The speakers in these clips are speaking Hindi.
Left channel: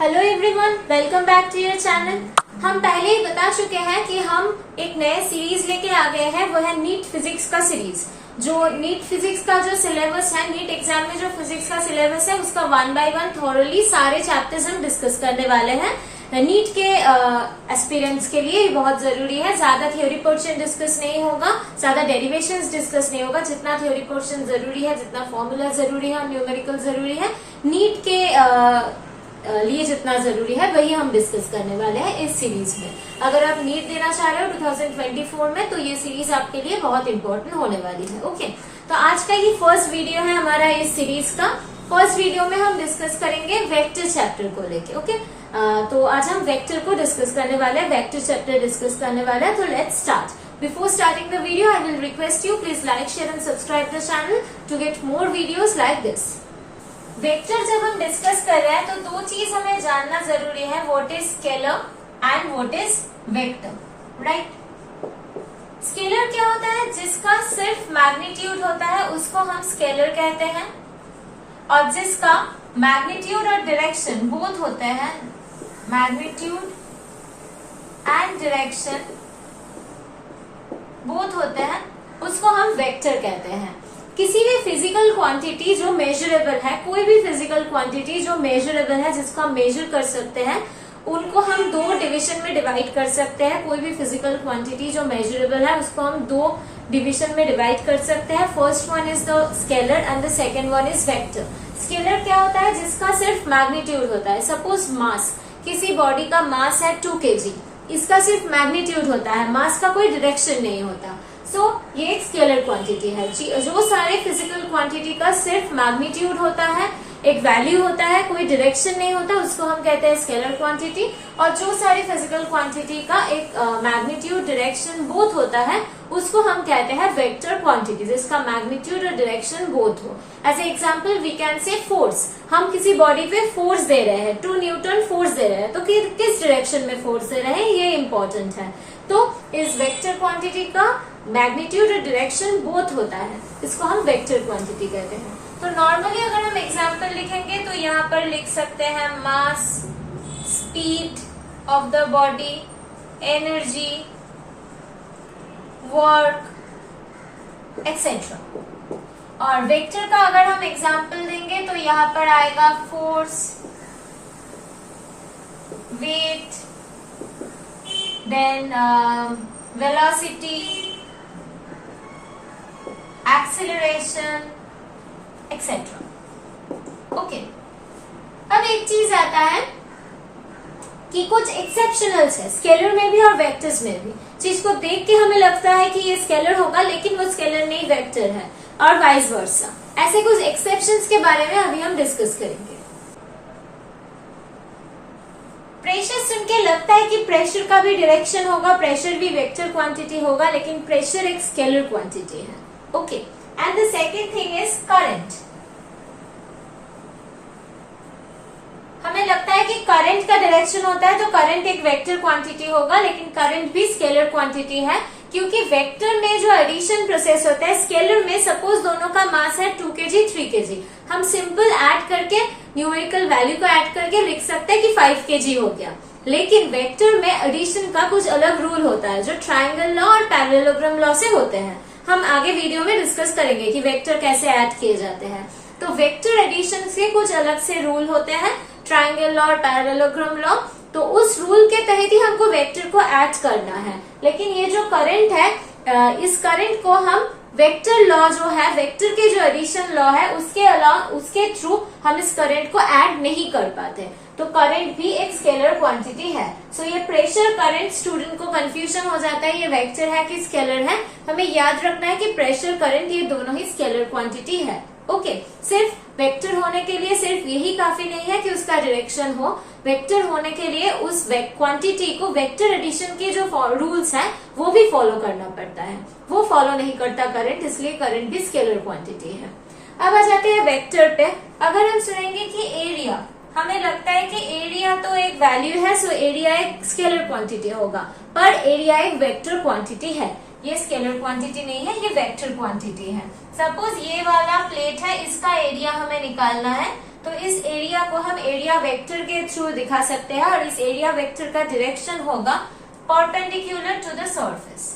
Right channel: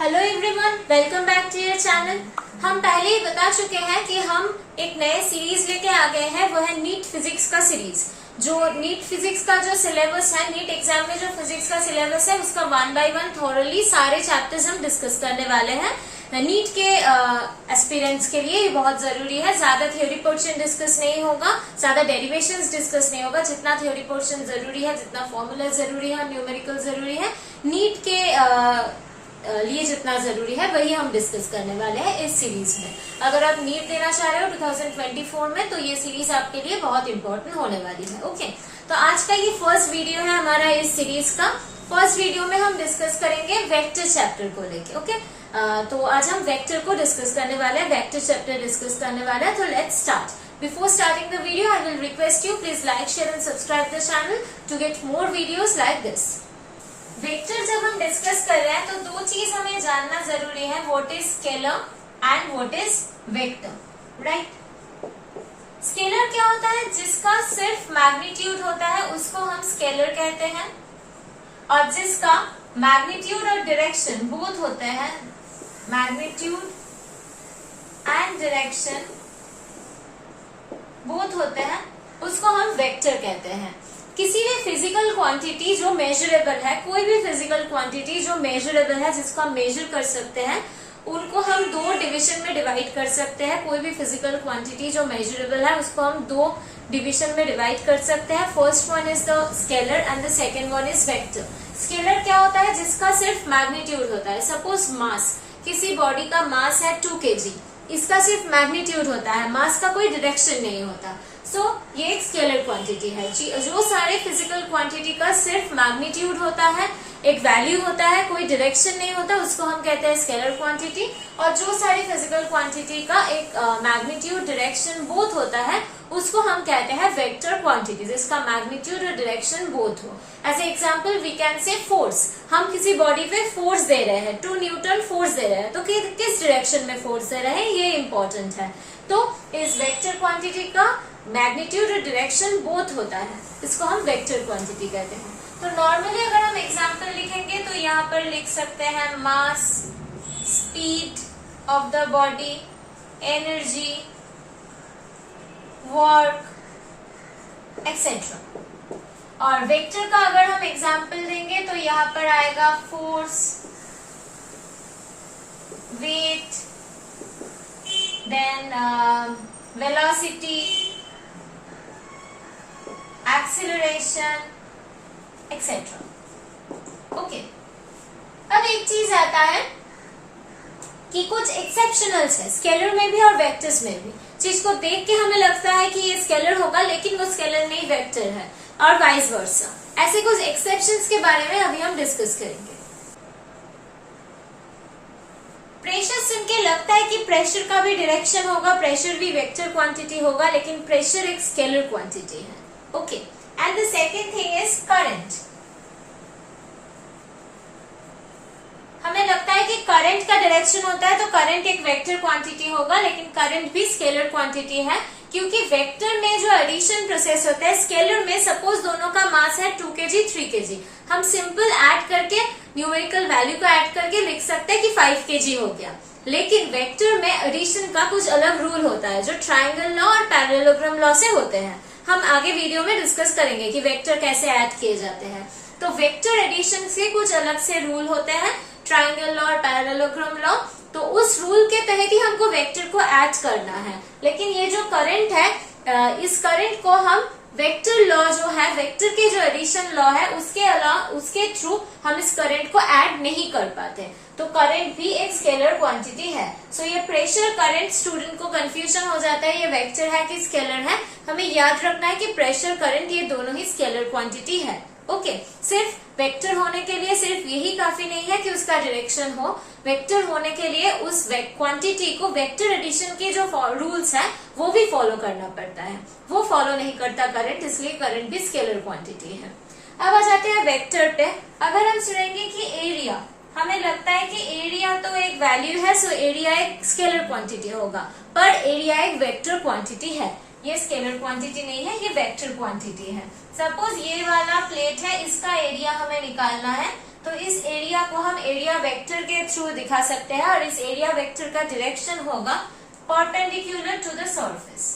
Hello everyone, welcome back to your channel. हम पहले ही बता चुके हैं कि हम एक नए सीरीज लेके आ गए हैं, वो है नीट फिजिक्स का सीरीज। जो नीट फिजिक्स का जो सिलेबस है, नीट एग्जाम में जो फिजिक्स का सिलेबस है उसका 1 बाय 1 थॉरली सारे चैप्टर्स हम डिस्कस करने वाले हैं। नीट के एस्पिरेंट्स के लिए ये बहुत जरूरी है। ज्यादा थ्योरी पोर्शन डिस्कस नहीं होगा, ज्यादा डेरिवेशंस डिस्कस नहीं होगा। जितना थ्योरी पोर्शन जरूरी है, जितना फॉर्मूला जरूरी है, न्यूमेरिकल जरूरी है, नीट के लिए जितना जरूरी है वही हम डिस्कस करने वाले हैं इस सीरीज में। अगर आप नीट देना चाह रहे हो 2024 में, तो ये सीरीज आपके लिए बहुत इंपॉर्टेंट होने वाली है। ओके, तो आज का ये फर्स्ट वीडियो है हमारा इस सीरीज का। फर्स्ट वीडियो में हम डिस्कस करेंगे वेक्टर चैप्टर को लेके। ओके, तो आज हम वेक्टर को डिस्कस करने वाले हैं, वेक्टर चैप्टर डिस्कस करने वाले हैं। तो let's start. Before starting the video, I will request you please like, share and subscribe the channel to get more videos like this. Vector जब हम डिस्कस कर रहे हैं तो दो चीज हमें जानना जरूरी है, what is scalar and what is vector, right. Scalar क्या होता है? जिसका सिर्फ मैग्नीट्यूड होता है उसको हम स्केलर कहते हैं, और जिसका मैग्नीट्यूड और डायरेक्शन बोथ होते हैं, मैग्नीट्यूड एंड डायरेक्शन बोथ होते हैं, उसको हम वेक्टर कहते हैं। किसी भी फिजिकल क्वांटिटी जो मेजरेबल है, कोई भी फिजिकल क्वांटिटी जो मेजरेबल है, जिसको हम मेजर कर सकते हैं, उनको हम दो डिवीजन में डिवाइड कर सकते हैं। कोई भी फिजिकल क्वांटिटी जो मेजरेबल है उसको हम दो डिवीजन में डिवाइड कर सकते हैं। First one is the scalar and the second one is vector. Scalar क्या होता है? जिसका सिर्फ मैग्नीट्यूड होता है। सपोज मास, किसी बॉडी का मास है 2 kg, इसका सिर्फ मैग्नीट्यूड होता है, मास का कोई डायरेक्शन नहीं होता। ये एक स्केलर क्वांटिटी है। जो सारे फिजिकल क्वांटिटी का सिर्फ मैग्नीट्यूड होता है, एक वैल्यू होता है, कोई डायरेक्शन नहीं होता, उसको हम कहते हैं स्केलर क्वांटिटी। और जो सारी फिजिकल क्वांटिटी का एक मैग्नीट्यूड डायरेक्शन बोथ होता है उसको हम कहते हैं वेक्टर क्वांटिटी, जिसका मैग्नीट्यूड और डायरेक्शन बोथ हो। As a example we can say force. हम किसी बॉडी पे फोर्स दे रहे हैं, 2 न्यूटन फोर्स दे रहे हैं, तो किस डायरेक्शन में फोर्स दे रहे हैं ये इंपॉर्टेंट है। तो इस वेक्टर क्वांटिटी का मैग्नीट्यूड और डायरेक्शन बोथ होता है, इसको हम वेक्टर क्वांटिटी कहते हैं। तो नॉर्मली अगर हम एग्जाम्पल लिखेंगे तो यहाँ पर लिख सकते हैं mass, speed of the body, energy, work etcetera. और वेक्टर का अगर हम एग्जाम्पल देंगे तो यहाँ पर आएगा force, weight, then velocity, acceleration etcetera. Okay, अब एक चीज आता है कि कुछ एक्सेप्शनल्स है स्केलर में भी और वेक्टर्स में भी, जिसको देख के हमें लगता है कि ये स्केलर होगा लेकिन वो स्केलर नहीं वेक्टर है, और वाइस वर्सा। ऐसे कुछ एक्सेप्शंस के बारे में अभी हम डिस्कस करेंगे। प्रेशर सुन के लगता है कि प्रेशर का भी डायरेक्शन होगा, प्रेशर भी वेक्टर क्वांटिटी होगा, लेकिन प्रेशर एक स्केलर क्वांटिटी है। Okay, and the second thing is current. हमें लगता है कि करंट का डायरेक्शन होता है तो करंट एक वेक्टर क्वांटिटी होगा, लेकिन करंट भी स्केलर क्वांटिटी है, क्योंकि वेक्टर में जो एडिशन प्रोसेस होता है, स्केलर में सपोज दोनों का मास है 2 kg 3 kg, हम सिंपल ऐड करके न्यूमेरिकल वैल्यू को ऐड करके लिख सकते हैं कि 5 kg हो गया। लेकिन वेक्टर में एडिशन का कुछ अलग रूल होता है, जो ट्रायंगल लॉ और पैरेललोग्राम लॉ से होते हैं। हम आगे वीडियो में डिस्कस करेंगे कि वेक्टर कैसे ऐड किए जाते हैं। तो वेक्टर एडिशन के कुछ अलग से रूल होते हैं, ट्रायंगल लॉ और पैरेललोग्राम लॉ। तो उस रूल के तहत ही हमको वेक्टर को ऐड करना है। लेकिन ये जो करंट है, इस करंट को हम वेक्टर लॉ जो है, वेक्टर के जो एडिशन लॉ है उसके थ्रू हम इस करंट को ऐड नहीं कर पाते। तो करंट भी एक स्केलर क्वांटिटी है। सो ये प्रेशर करंट, स्टूडेंट को कंफ्यूजन हो जाता है ये वेक्टर है कि स्केलर है। हमें याद रखना है कि प्रेशर करंट ये दोनों ही स्केलर क्वांटिटी है। ओके, सिर्फ वेक्टर होने के लिए सिर्फ यही काफी नहीं है कि उसका डायरेक्शन हो। वेक्टर होने के लिए उस क्वांटिटी को वेक्टर एडिशन के जो रूल्स हैं वो भी फॉलो करना पड़ता है। वो फॉलो नहीं करता करंट, इसलिए करंट भी स्केलर क्वांटिटी है। अब आ जाते हैं वेक्टर पे। अगर हम सुनेंगे कि एरिया, हमें लगता है कि एरिया तो एक वैल्यू है, सो एरिया एक स्केलर क्वांटिटी होगा, पर एरिया एक वेक्टर क्वांटिटी है। ये स्केलर क्वांटिटी नहीं है, ये वेक्टर क्वांटिटी है। सपोज ये वाला प्लेट है, इसका एरिया हमें निकालना है, तो इस एरिया को हम एरिया वेक्टर के थ्रू दिखा सकते हैं और इस एरिया वेक्टर का डायरेक्शन होगा perpendicular to the surface.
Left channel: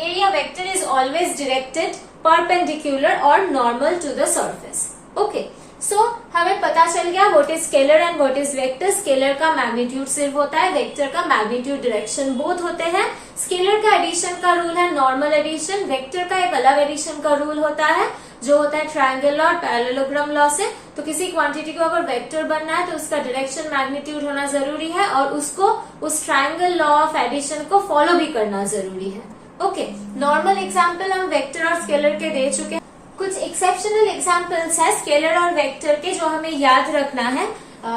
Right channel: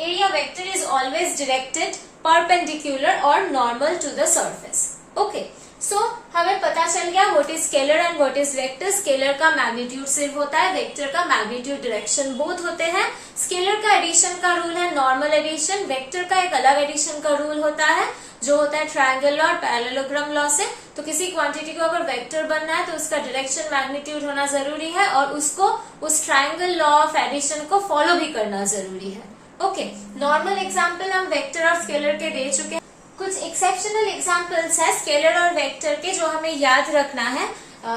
Area vector is always directed perpendicular और normal to the surface. Okay, so हमें पता चल गया what is scalar and what is vector. Scalar का मैग्नीट्यूड सिर्फ होता है, वेक्टर का मैग्नीट्यूड डायरेक्शन बोथ होते हैं। स्केलर का एडिशन का रूल है नॉर्मल एडिशन, वेक्टर का एक अलग एडिशन का रूल होता है जो होता है ट्रायंगल लॉ और पैरेललोग्राम लॉ से। तो किसी क्वांटिटी को अगर वेक्टर बनना है तो उसका डायरेक्शन मैग्नीट्यूड होना जरूरी है और उसको उस ट्रायंगल लॉ ऑफ एडिशन को फॉलो भी करना जरूरी है। ओके, नॉर्मल एग्जाम्पल हम वेक्टर और स्केलर के दे चुके हैं। कुछ एक्सेप्शनल एग्जाम्पल्स है स्केलर और वेक्टर के जो हमें याद रखना है,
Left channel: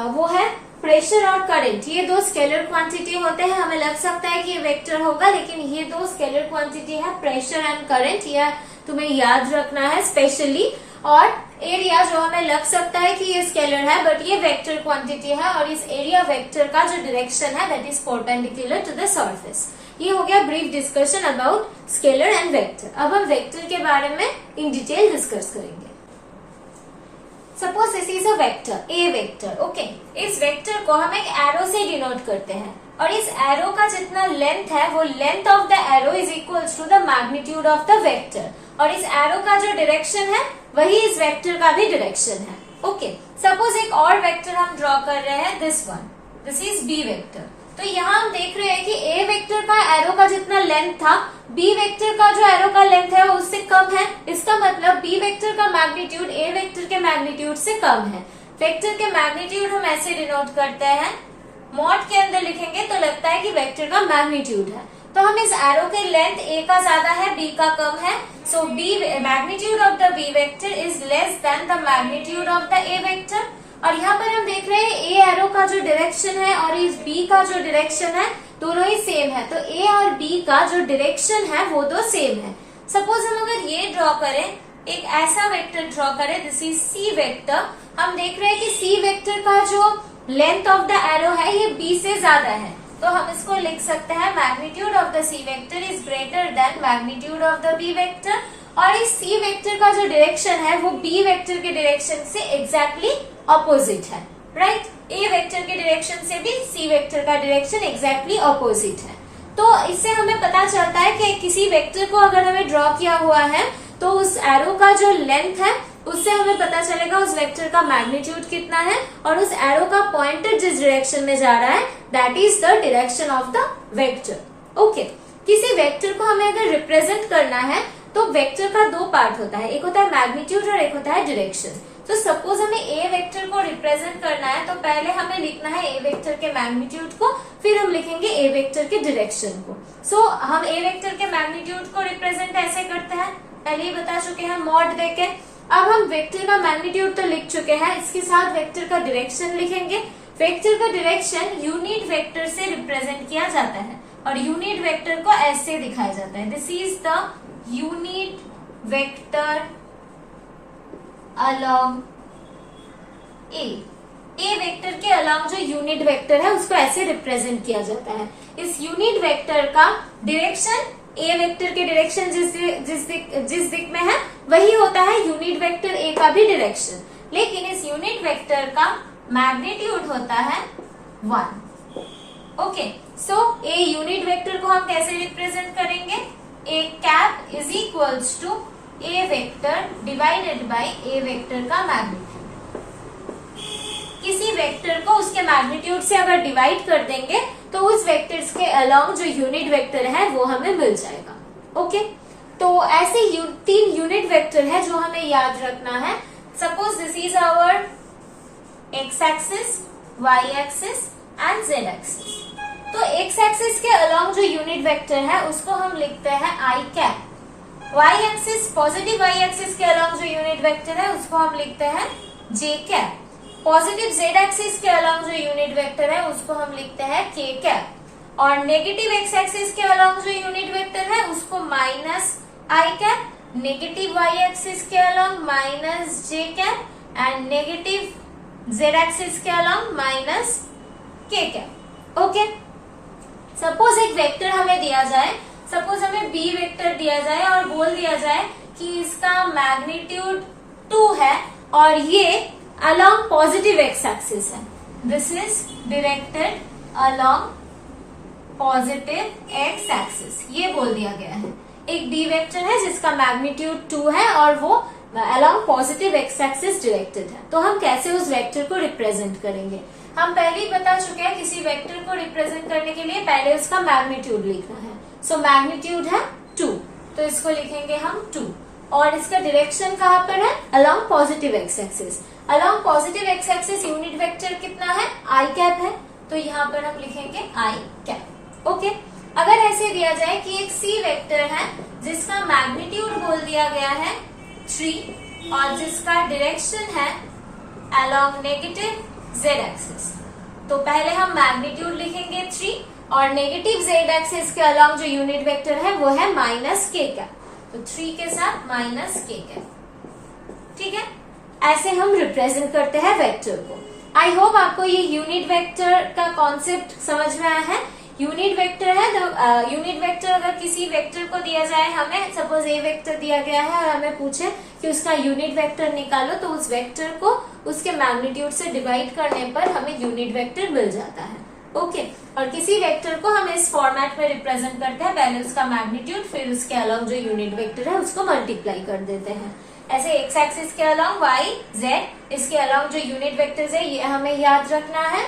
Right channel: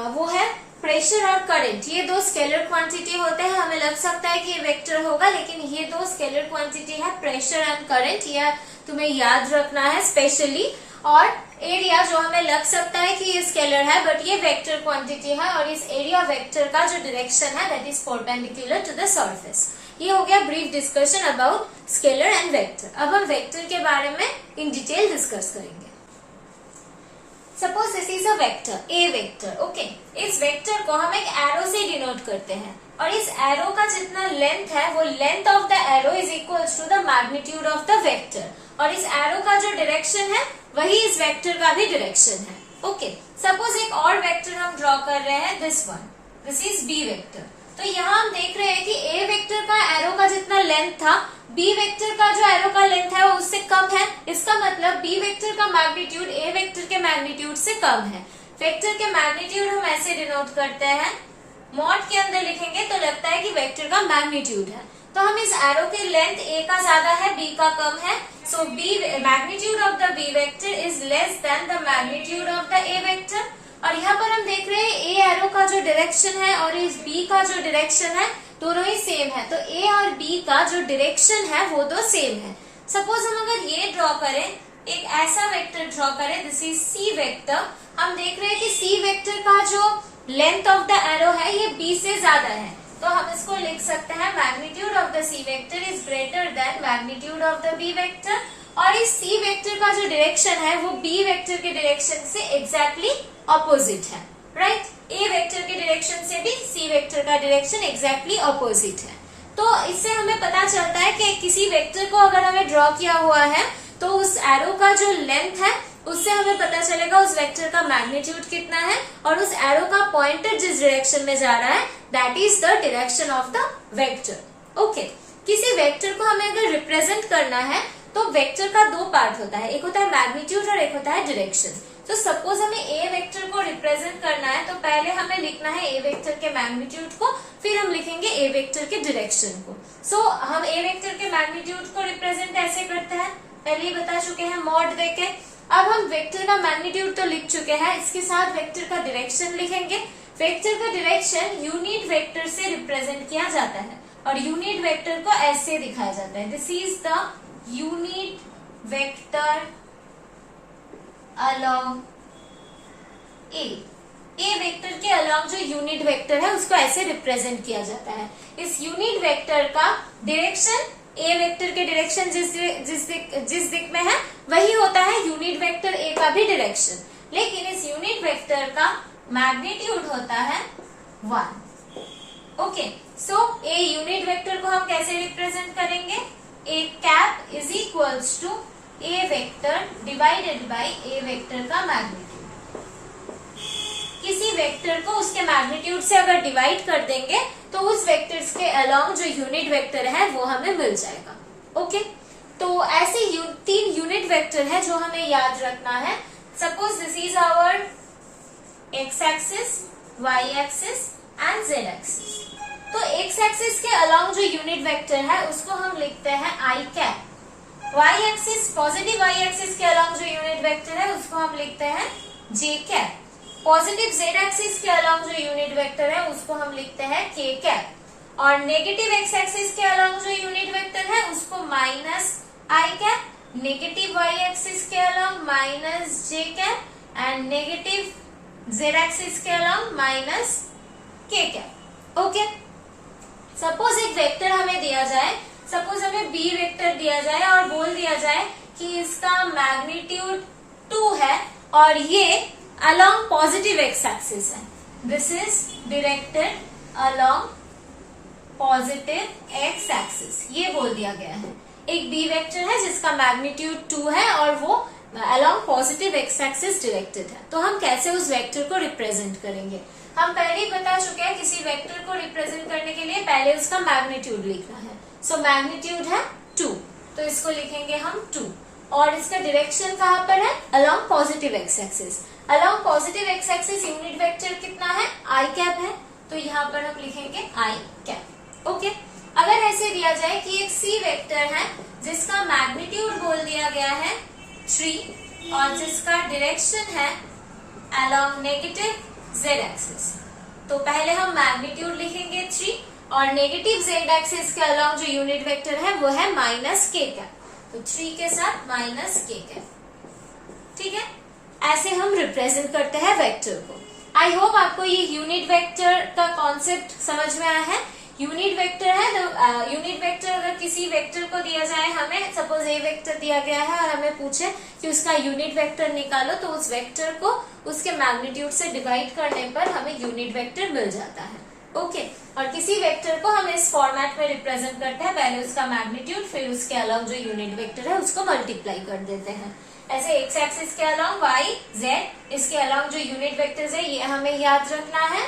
वो है प्रेशर और करंट। ये दो स्केलर क्वांटिटी होते हैं, हमें लग सकता है कि ये वेक्टर होगा लेकिन ये दो स्केलर क्वांटिटी है, प्रेशर एंड करंट। यह तुम्हें याद रखना है स्पेशली। और एरिया जो हमें लग सकता है कि ये स्केलर है बट ये वेक्टर क्वांटिटी है और इस एरिया वेक्टर का जो डायरेक्शन है that is perpendicular to the surface. ये हो गया brief discussion about scalar and vector. अब हम वेक्टर के बारे में इन डिटेल डिस्कस करेंगे। Suppose this is a vector, A vector. Okay, इस वेक्टर को हम एक एरो से डिनोट करते हैं और इस एरो का जितना लेंथ है वो length of the arrow is equal to the magnitude of the vector और इस एरो का जो डायरेक्शन है वही इस वेक्टर का भी डायरेक्शन है। ओके, सपोज एक और वेक्टर हम ड्रॉ कर रहे हैं, this one, this is B vector. तो यहाँ हम देख रहे हैं कि ए वेक्टर का एरो का जितना लेंथ था बी वेक्टर का जो एरो का लेंथ है वो उससे कम है। इसका मतलब बी वेक्टर का मैग्नीट्यूड ए वेक्टर के मैग्नीट्यूड से कम है। वेक्टर के मैग्नीट्यूड हम ऐसे डिनोट करते हैं, मॉड के अंदर लिखेंगे तो लगता है कि वेक्टर का मैग्नीट्यूड है। तो हम इस एरो के लेंथ ए का ज्यादा है बी का कम है, so B magnitude of the B vector is less than the magnitude of the A vector. और यहाँ पर हम देख रहे हैं ए एरो का जो डायरेक्शन है और इस बी का जो डायरेक्शन है दोनों ही सेम है, तो ए और बी का जो डायरेक्शन है वो दो सेम है। सपोज हम अगर ये ड्रॉ करें, एक ऐसा वेक्टर ड्रॉ करें, दिस इज सी वेक्टर। हम देख रहे हैं कि सी वेक्टर का जो लेंथ ऑफ द एरो है ये बी से ज्यादा है, तो हम इसको लिख सकते हैं magnitude of the C vector is greater than magnitude of the B vector. और इस सी वेक्टर का जो डायरेक्शन है वो बी वेक्टर के डायरेक्शन से एग्जैक्टली ऑपोजिट है, राइट? ए वेक्टर के डायरेक्शन से भी सी वेक्टर का डायरेक्शन एग्जैक्टली ऑपोजिट है। तो इससे हमें पता चलता है कि किसी वेक्टर को अगर हमें ड्रॉ किया हुआ है तो उस एरो का जो लेंथ है उससे हमें पता चलेगा उस वेक्टर का मैग्नीट्यूड कितना है और उस एरो का पॉइंटर जिस डायरेक्शन में जा रहा है that is the direction of the vector. Okay, किसी वेक्टर को हमें अगर रिप्रेजेंट करना है तो वेक्टर का दो पार्ट होता है, एक होता है मैग्नीट्यूड और एक होता है डायरेक्शन। तो सपोज हमें ए वेक्टर को रिप्रेजेंट करना है तो पहले हमें लिखना है ए वेक्टर के मैग्नीट्यूड को, फिर हम लिखेंगे ए वेक्टर के डायरेक्शन को। सो हम ए वेक्टर के मैग्नीट्यूड को रिप्रेजेंट ऐसे करते हैं, पहले ही बता चुके हैं मॉड देके। अब हम वेक्टर का मैग्नीट्यूड तो लिख चुके हैं, इसके साथ वेक्टर का डायरेक्शन लिखेंगे। वेक्टर का डायरेक्शन यूनिट वेक्टर से रिप्रेजेंट किया जाता है और यूनिट वेक्टर को ऐसे दिखाया जाता है, this is the unit vector along A vector के अलॉन्ग जो यूनिट वेक्टर है उसको ऐसे रिप्रेजेंट किया जाता है। इस यूनिट वेक्टर का डायरेक्शन ए वेक्टर के डायरेक्शन जिस दिक में है वही होता है यूनिट वेक्टर ए का भी डायरेक्शन, लेकिन इस यूनिट वेक्टर का मैग्नीट्यूड होता है 1। Okay, so a unit vector को हम कैसे रिप्रेजेंट करेंगे, A cap is equals to A vector divided by A vector का मैग्नीट्यूड। किसी वेक्टर को उसके मैग्नीट्यूड से अगर डिवाइड कर देंगे तो उस वेक्टर्स के अलॉन्ग जो यूनिट वेक्टर है वो हमें मिल जाएगा। ओके, तो ऐसे तीन यूनिट वेक्टर है जो हमें याद रखना है। Suppose this is our X axis, Y axis and Z axis. तो एक्स एक्सिस के अलॉन्ग जो यूनिट वेक्टर है उसको हम लिखते हैं I cap. Y axis, positive Y axis के अलॉन्ग जो यूनिट वेक्टर है उसको हम लिखते हैं J cap. Positive Z axis के अलॉन्ग जो यूनिट वेक्टर है उसको हम लिखते हैं के कैप। और नेगेटिव एक्स एक्सिस के अलॉन्ग जो यूनिट वेक्टर है उसको माइनस आई कैप। नेगेटिव वाई एक्सिस के along minus J cap and negative Z axis के अलॉन्ग माइनस के कैप। ओके, सपोज एक वेक्टर हमें दिया जाए, सपोज हमें बी वेक्टर दिया जाए और बोल दिया जाए कि इसका मैग्नीट्यूड 2 है और ये अलोंग पॉजिटिव एक्स एक्सिस है। This is directed along positive x axis, ये बोल दिया गया है। एक बी वेक्टर है जिसका मैग्नीट्यूड 2 है और वो along positive x axis directed है। तो हम कैसे उस वेक्टर को रिप्रेजेंट करेंगे? हम पहले ही बता चुके हैं, किसी वेक्टर को रिप्रेजेंट करने के लिए पहले उसका मैग्नीट्यूड लिखना है। सो मैग्नीट्यूड है 2, तो इसको लिखेंगे हम 2। और इसका डायरेक्शन कहाँ पर है? Along positive x axis. Along positive x axis unit vector कितना है? आई कैप है, तो यहाँ पर हम लिखेंगे आई कैप। ओके, अगर ऐसे दिया जाए कि एक सी वेक्टर है जिसका मैग्नीट्यूड बोल दिया गया है 3 और जिसका डायरेक्शन है अलोंग नेगेटिव जेड एक्सिस, तो पहले हम मैग्नीट्यूड लिखेंगे 3 और नेगेटिव जेड एक्सिस के अलोंग जो यूनिट वेक्टर है वो है माइनस के कैप, तो 3 के साथ माइनस के कैप। ठीक है, ऐसे हम रिप्रेजेंट करते हैं वेक्टर को। आई होप आपको ये यूनिट वेक्टर का कॉन्सेप्ट समझ में आया है। यूनिट वेक्टर है, तो यूनिट वेक्टर अगर किसी वेक्टर को दिया जाए, हमें सपोज ए वेक्टर दिया गया है और हमें पूछे कि उसका यूनिट वेक्टर निकालो, तो उस वेक्टर को उसके मैग्नीट्यूड से डिवाइड करने पर हमें यूनिट वेक्टर मिल जाता है। ओके, और किसी वेक्टर को हम इस फॉर्मेट में रिप्रेजेंट करते हैं, पहले उसका मैग्नीट्यूड फिर उसके अलोंग जो यूनिट वेक्टर है उसको मल्टीप्लाई कर देते हैं। ऐसे एक्स एक्सिस के अलोंग वाई जेड, इसके अलोंग जो यूनिट वेक्टर्स है ये हमें याद रखना है।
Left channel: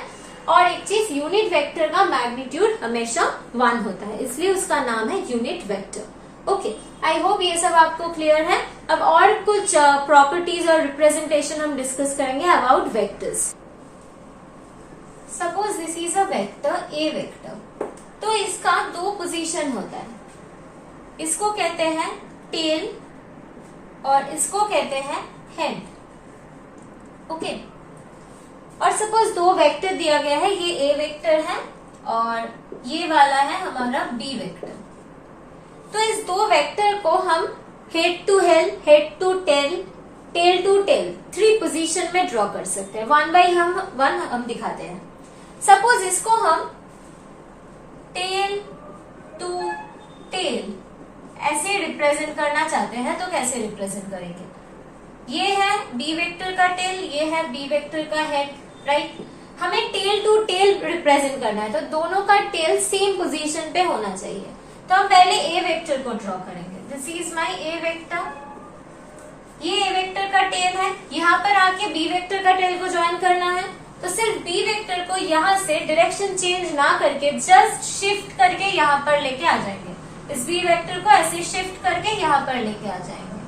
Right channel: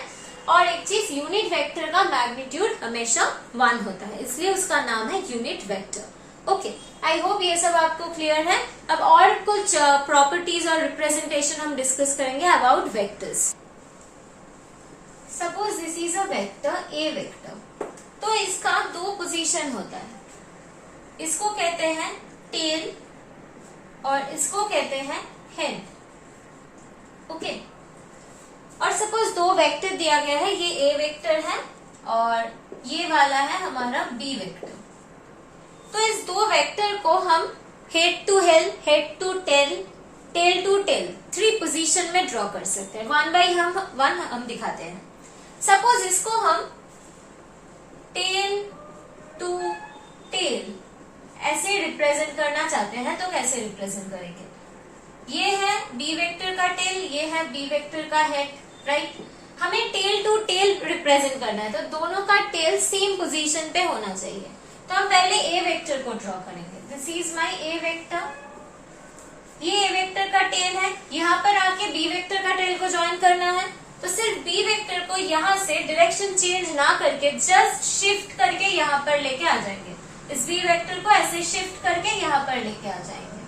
और एक चीज, यूनिट वेक्टर का मैग्नीट्यूड हमेशा 1 होता है, इसलिए उसका नाम है unit vector. Okay, I hope ये सब आपको क्लियर है। अब और कुछ प्रॉपर्टीज और रिप्रेजेंटेशन हम डिस्कस करेंगे about vectors. Suppose this is a vector A vector, तो इसका 2 पोजीशन होता है, इसको कहते हैं टेल और इसको कहते हैं हेड। ओके, और सपोज 2 वेक्टर दिया गया है, ये ए वेक्टर है और ये वाला है हमारा बी वेक्टर। तो इस 2 वेक्टर को हम head to head to tail, tail to tail 3 position में ड्रॉ कर सकते हैं। 1 बाई 1 हम दिखाते हैं। सपोज इसको हम टेल टू टेल ऐसे रिप्रेजेंट करना चाहते हैं, तो कैसे रिप्रेजेंट करेंगे? ये है बी वेक्टर का टेल, ये है बी वेक्टर का हेड, राइट? हमें टेल टू टेल रिप्रेजेंट करना है, तो दोनों का टेल सेम पोजीशन पे होना चाहिए। तो हम पहले ए वेक्टर को ड्रॉ करेंगे। This is my A vector, ये ए वेक्टर का टेल है, यहाँ पर आके बी वेक्टर का टेल को ज्वाइन करना है। तो सिर्फ बी वेक्टर को यहाँ से डायरेक्शन चेंज ना करके जस्ट शिफ्ट करके यहाँ पर लेके आ जाएंगे। इस बी वेक्टर को ऐसे शिफ्ट करके यहाँ पर लेके आ जाएंगे।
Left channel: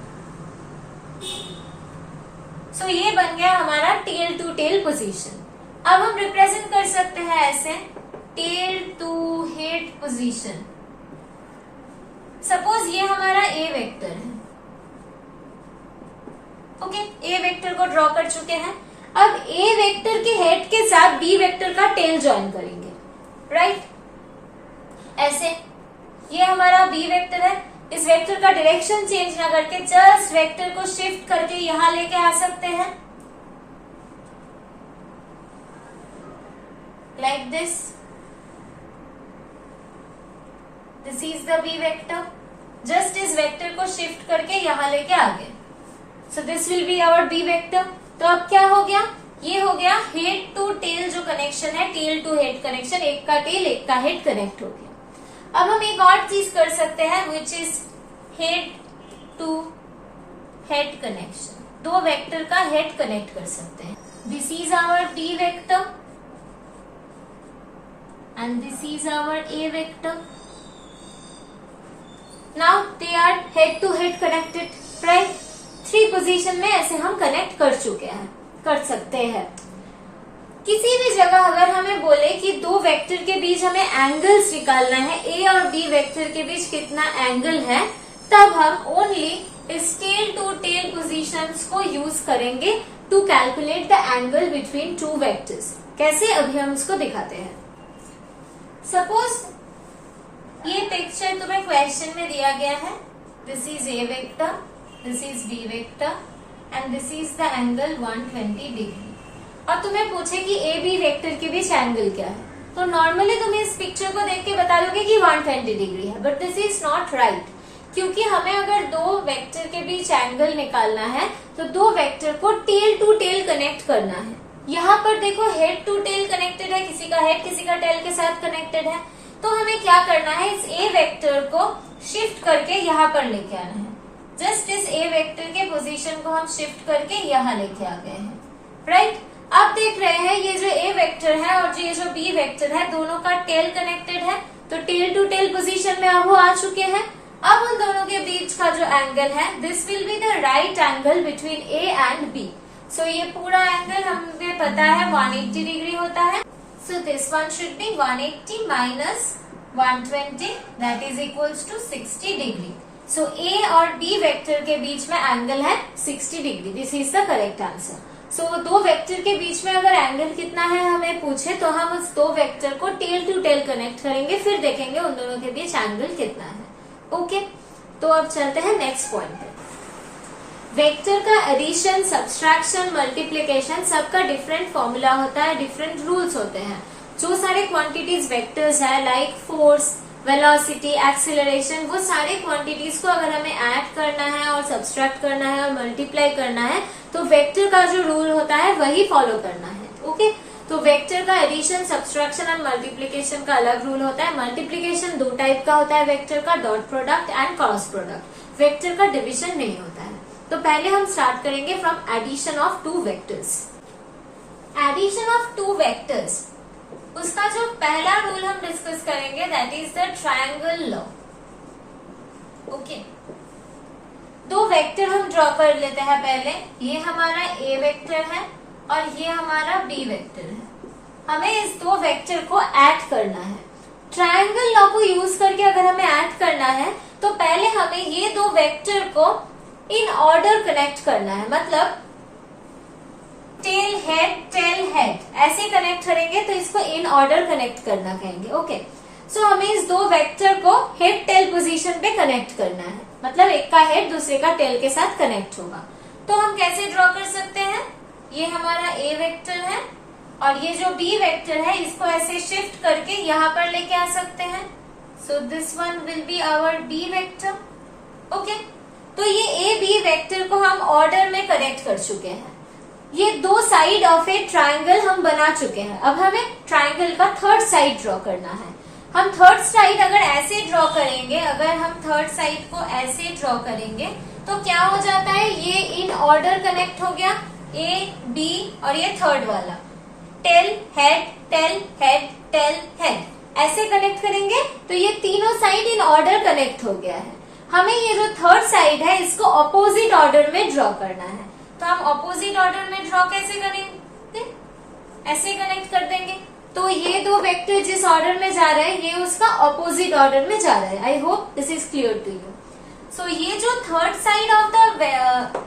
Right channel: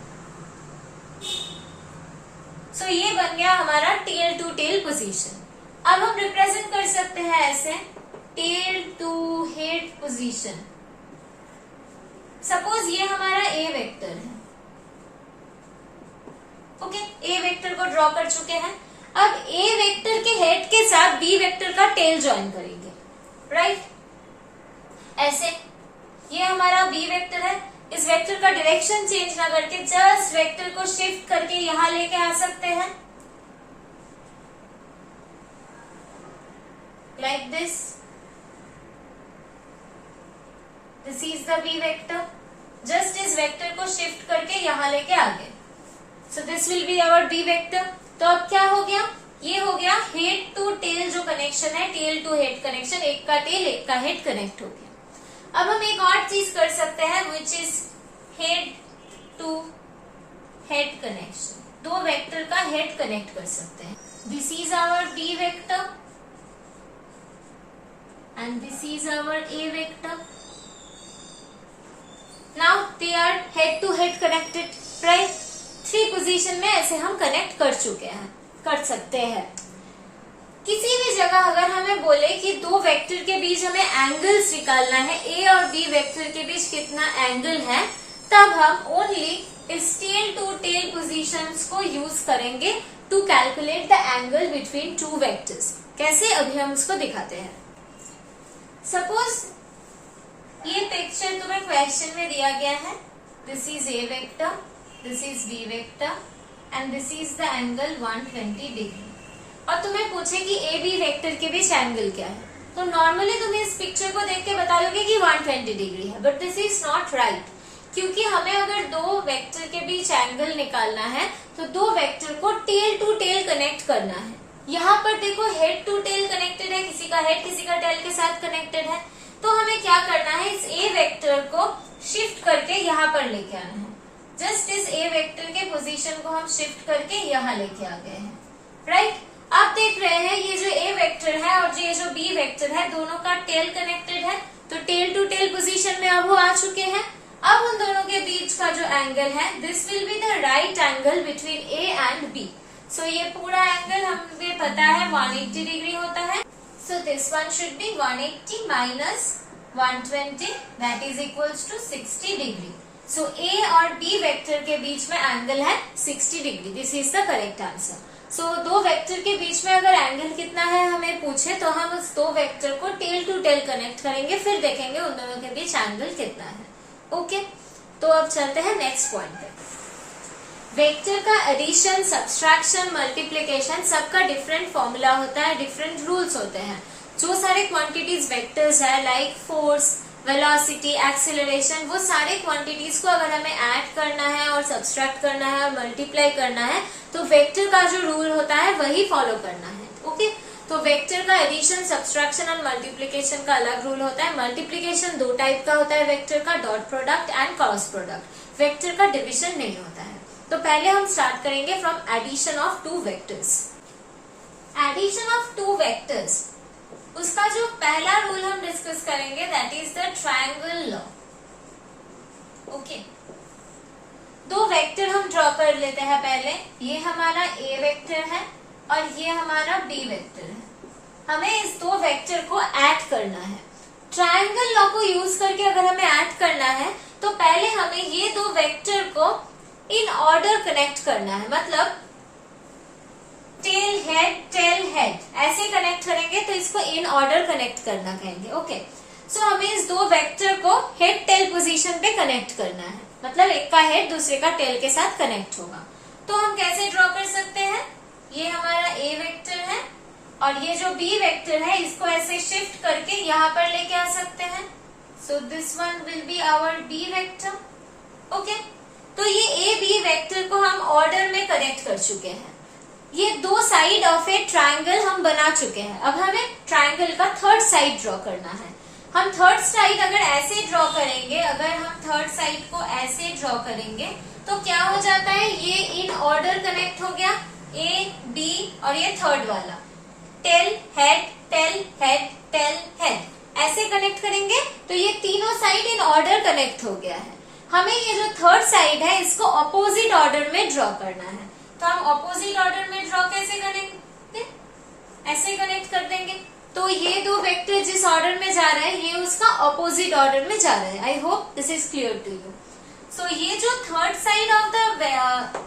सो ये बन गया हमारा टेल टू टेल पोजीशन। अब हम रिप्रेजेंट कर सकते हैं ऐसे tail to head position. Suppose ये हमारा ए वेक्टर है। ओके, ए वेक्टर को ड्रॉ कर चुके हैं। अब ए वेक्टर के हेड के साथ बी वेक्टर का टेल ज्वाइन करेंगे, राइट? ऐसे ये हमारा बी वेक्टर है, इस वेक्टर का डायरेक्शन चेंज ना करके जस्ट वेक्टर को शिफ्ट करके यहां लेके आ सकते हैं, like this. This is the B vector, just इस वेक्टर को शिफ्ट करके यहां लेके आ गए। So this will be our B vector. तो अब क्या हो गया? ये हो गया हेड टू टेल जो कनेक्शन है, टेल टू हेड कनेक्शन, एक का टेल एक का हेड कनेक्ट हो गया। अब हम एक और चीज कर सकते हैं which is head to head connection. 2 vector का हेड कनेक्ट कर सकते हैं। This is our B vector and this is our A vector. Now they are head to head connected, right? 3 position में ऐसे हम कनेक्ट कर चुके हैं, कर सकते हैं। किसी भी जगह अगर हमें बोले कि 2 वेक्टर के बीच हमें एंगल्स निकालना है, ए और बी वेक्टर के बीच कितना एंगल है, तब हम ओनली इस टेल टू टेल पोजीशंस को यूज करेंगे to calculate the angle between 2 vectors. कैसे, अभी हम इसको दिखाते हैं। सपोज ये पिक्चर तुम्हें क्वेश्चन में दिया गया है। This is A vector, this is B vector and this is the angle 120 degree. और तुम्हें पूछे कि ए बी वेक्टर के बीच एंगल क्या है, तो नॉर्मली तुम इस पिक्चर को देख के बता लोगे कि 120 डिग्री है, but this is not right, क्योंकि हमें अगर दो वेक्टर के बीच एंगल निकालना है तो दो वेक्टर को टेल टू टेल कनेक्ट करना है। यहाँ पर देखो हेड टू टेल कनेक्टेड है, किसी का हेड किसी का टेल के साथ कनेक्टेड है। तो हमें क्या करना है, इस ए वेक्टर को शिफ्ट करके यहाँ पर लेके आना है। जस्ट इस ए वेक्टर के पोजीशन को हम शिफ्ट करके यहाँ लेके आ गए हैं, राइट। अब देख रहे हैं ये जो ए वेक्टर है और ये जो बी वेक्टर है दोनों का टेल कनेक्टेड है, तो टेल टू टेल पोजीशन में अब वो आ चुके हैं। अब उन दोनों के बीच का जो एंगल है, this will be the right angle between A and B. So ये पूरा एंगल हमें पता है 180 डिग्री होता है। So this one should be 180 minus 120 that is equals to 60 degree. So A और बी वेक्टर के बीच में एंगल है 60 degree. This is the correct answer. So दो वेक्टर के बीच में अगर एंगल कितना है हमें पूछे तो हम उस दो वेक्टर को टेल टू टेल कनेक्ट करेंगे, फिर देखेंगे उन दोनों के बीच एंगल कितना है। ओके, तो अब चलते हैं नेक्स्ट पॉइंट पे। वेक्टर का एडिशन, सब्सट्रैक्शन, मल्टीप्लिकेशन सबका डिफरेंट फॉर्मूला होता है, डिफरेंट रूल्स होते हैं। जो सारे क्वांटिटीज वेक्टर्स है लाइक फोर्स, वेलोसिटी, एक्सीलरेशन, वो सारे क्वांटिटीज को अगर हमें ऐड करना है और सब्सट्रैक्ट करना है और मल्टीप्लाई करना है तो वेक्टर का जो रूल होता है वही फॉलो करना है। ओके, तो वेक्टर का एडिशन, सब्सट्रैक्शन और मल्टीप्लिकेशन का अलग रूल होता है। मल्टीप्लिकेशन दो टाइप का होता है वेक्टर का, dot product and cross product. Vector का डिविजन नहीं होता है। तो पहले हम स्टार्ट करेंगे from addition of two vectors. Addition of two vectors, उसका जो पहला रूल हम डिस्कस करेंगे that is the triangle law. Okay, दो वेक्टर हम ड्रॉ कर लेते हैं पहले। ये हमारा ए वेक्टर है और ये हमारा बी वेक्टर है। हमें इस दो वेक्टर को ऐड करना है। ट्रायंगल लॉ को यूज करके अगर हमें ऐड करना है तो पहले हमें ये दो वेक्टर को इन ऑर्डर कनेक्ट करना है, मतलब टेल हेड ऐसे कनेक्ट करेंगे तो इसको इन ऑर्डर कनेक्ट करना कहेंगे। ओके, सो हमें इस दो वेक्टर को हेड टेल पोजीशन पे कनेक्ट करना है, मतलब एक का हेड दूसरे का टेल के साथ कनेक्ट होगा। तो हम कैसे ड्रॉ कर सकते हैं, ये हमारा ए वेक्टर है और ये जो बी वेक्टर है इसको ऐसे शिफ्ट करके यहाँ पर लेके आ सकते हैं। So this one will be our B vector. Okay, तो ये ए बी वेक्टर को हम ऑर्डर में कनेक्ट कर चुके हैं। ये दो साइड ऑफ ए ट्रायंगल हम बना चुके हैं। अब हमें ट्रायंगल का थर्ड साइड ड्रॉ करना है। हम थर्ड साइड अगर ऐसे ड्रॉ करेंगे, अगर हम थर्ड साइड को ऐसे ड्रॉ करेंगे तो क्या हो जाता है, ये इन ऑर्डर कनेक्ट हो गया, ए बी और ये थर्ड वाला tail head tail head tail head ऐसे कनेक्ट करेंगे तो ये तीनों साइड इन ऑर्डर कनेक्ट हो गया है। हमें ये जो थर्ड साइड है इसको ऑपोजिट ऑर्डर में ड्रॉ करना है। तो हम ऑपोजिट ऑर्डर में ड्रॉ कैसे करेंगे, ऐसे कनेक्ट कर देंगे। तो ये दो वेक्टर जिस ऑर्डर में जा रहा है ये उसका ऑपोजिट ऑर्डर में जा रहा है। I hope this is clear to you. So ये जो third side of the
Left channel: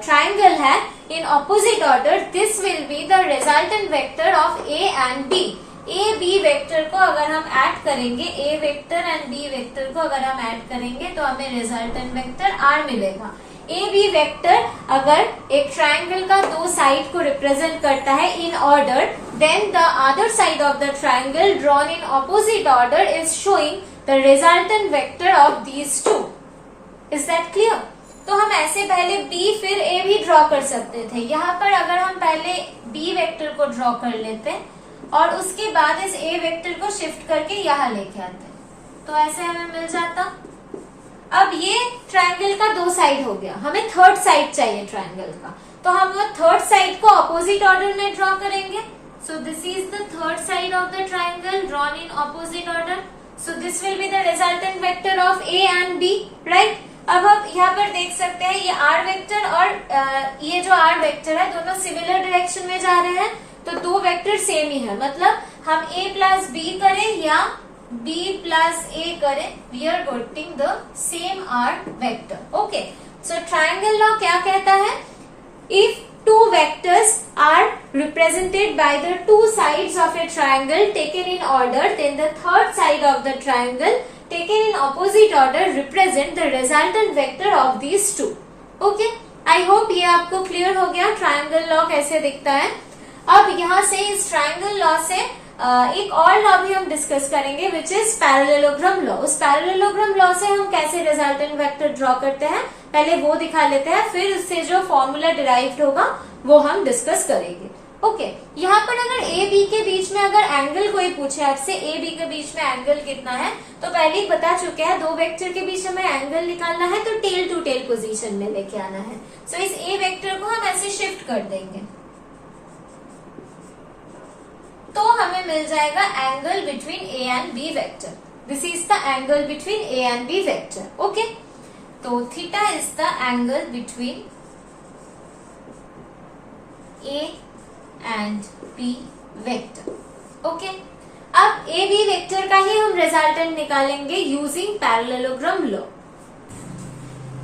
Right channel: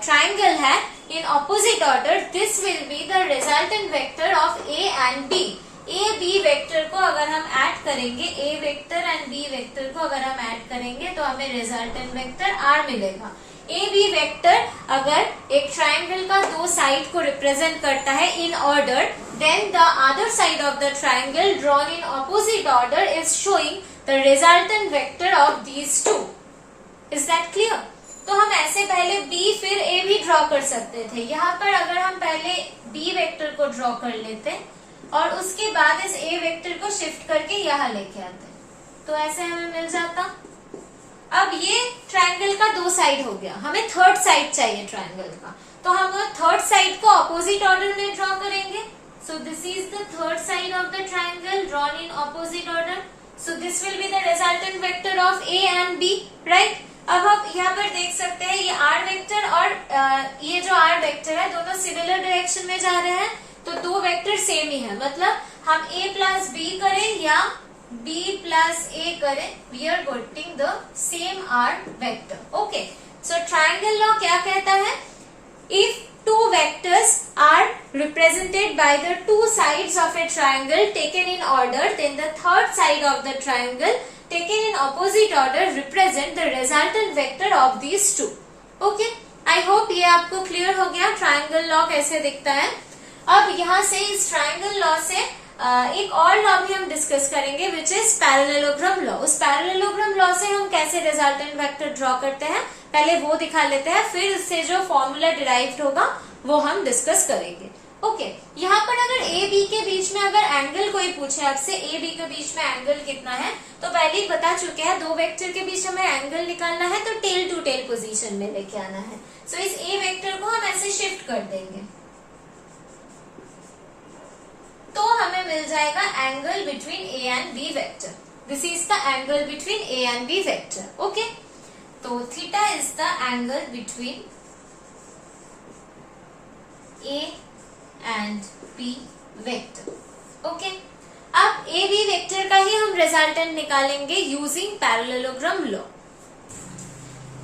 triangle है in opposite order, this will be the resultant vector of A and B. A B vector को अगर हम ऐड करेंगे, A vector and B vector को अगर हम ऐड करेंगे तो हमें रिजल्टेंट वेक्टर आर मिलेगा। ए बी वेक्टर अगर एक ट्रायंगल का दो साइड को रिप्रेजेंट करता है in order, then the other side of the triangle drawn in opposite order is showing the resultant vector of these two. Is that clear? तो हम ऐसे पहले बी फिर ए भी ड्रॉ कर सकते थे। यहाँ पर अगर हम पहले बी वेक्टर को ड्रॉ कर लेते और उसके बाद इस ए वेक्टर को शिफ्ट करके यहाँ लेके आते तो ऐसे हमें मिल जाता। अब ये ट्रायंगल का दो साइड हो गया, हमें थर्ड साइड चाहिए ट्रायंगल का, तो हम वो थर्ड साइड को ऑपोजिट ऑर्डर में ड्रॉ करेंगे। So this is the third side of the triangle drawn in opposite order. So this will be the resultant vector of A and B, right. अब आप यहाँ पर देख सकते हैं ये आर वेक्टर और ये जो आर वेक्टर है दोनों सिमिलर डायरेक्शन में जा रहे हैं, तो दो वेक्टर सेम ही है। मतलब हम ए प्लस बी करें या बी प्लस ए करें, we are getting the same R vector. Okay, so triangle law क्या कहता है, if two vectors are represented by the two sides of a triangle taken in order, then the third side of the triangle taken in opposite order represent the resultant vector of these two. Okay, I hope ये आपको क्लियर हो गया ट्रायंगल लॉ कैसे दिखता है। अब यहाँ से इस ट्रायंगल लॉ से एक और लॉ भी हम डिस्कस करेंगे विच इज पैरेललोग्राम लॉ। उस पैरेललोग्राम लॉ से हम कैसे रिजल्टेंट वेक्टर ड्रॉ करते हैं पहले वो दिखा लेते हैं, फिर उससे जो फॉर्मूला डिराइव्ड होगा वो हम डिस्कस करेंगे। ओके, यहाँ पर अगर ए बी के बीच में अगर एंगल कोई पूछे आपसे, ए बी के बीच में एंगल कितना है, तो पहले ही बता चुके हैं दो वेक्टर के बीच हमें एंगल निकालना है तो टेल टू टेल पोजीशन में लेके आना है। सो इस ए वेक्टर को हम ऐसे शिफ्ट कर देंगे तो हमें मिल जाएगा angle between A and B vector. This is the angle between A and B vector. Okay, तो theta is the angle between A and B vector. Okay, अब ए बी वेक्टर का ही हम रिजल्टेंट निकालेंगे using parallelogram law.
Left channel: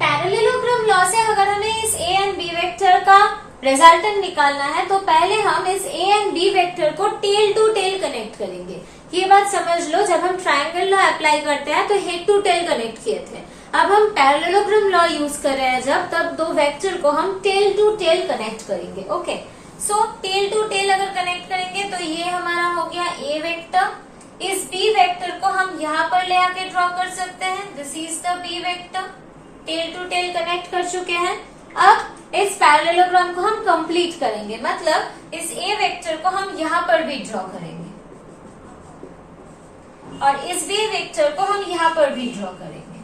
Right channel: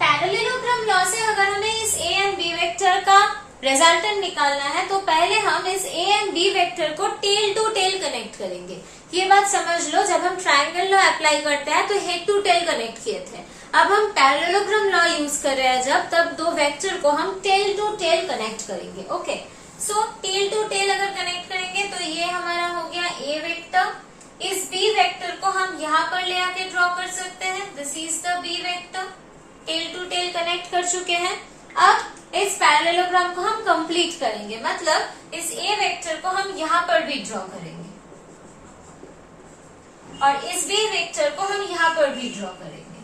Parallelogram law से अगर हमें इस ए एंड बी वेक्टर का रिजल्टेंट निकालना है तो पहले हम इस ए एंड बी वेक्टर को टेल टू टेल कनेक्ट करेंगे। ये बात समझ लो, जब हम ट्रायंगल लॉ अप्लाई करते हैं तो हेड टू टेल कनेक्ट किए थे, अब हम पैरेललोग्राम लॉ यूज कर रहे हैं जब, तब दो वेक्टर को हम टेल टू टेल कनेक्ट करेंगे। Okay, so tail to tail अगर कनेक्ट करेंगे तो ये हमारा हो गया ए वेक्टर। इस बी वेक्टर को हम यहाँ पर ले आके ड्रॉ कर सकते हैं, this is the B vector. Tail to tail connect कर चुके हैं। अब इस पैरेललोग्राम को हम कंप्लीट करेंगे, मतलब इस ए वेक्टर को हम यहाँ पर भी ड्रॉ करेंगे और इस बी वेक्टर को हम यहाँ पर भी ड्रॉ करेंगे।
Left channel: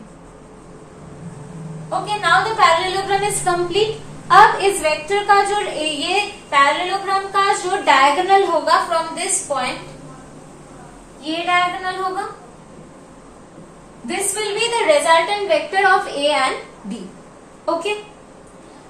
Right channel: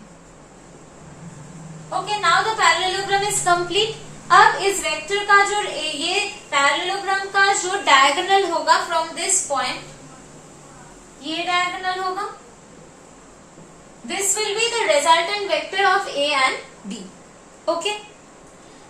Okay, now the parallelogram is complete. अब इस वेक्टर का जो ये पैरेललोग्राम का जो डायगोनल होगा फ्रॉम दिस पॉइंट, ये डायगोनल होगा, this will be the resultant vector of A and B. Okay,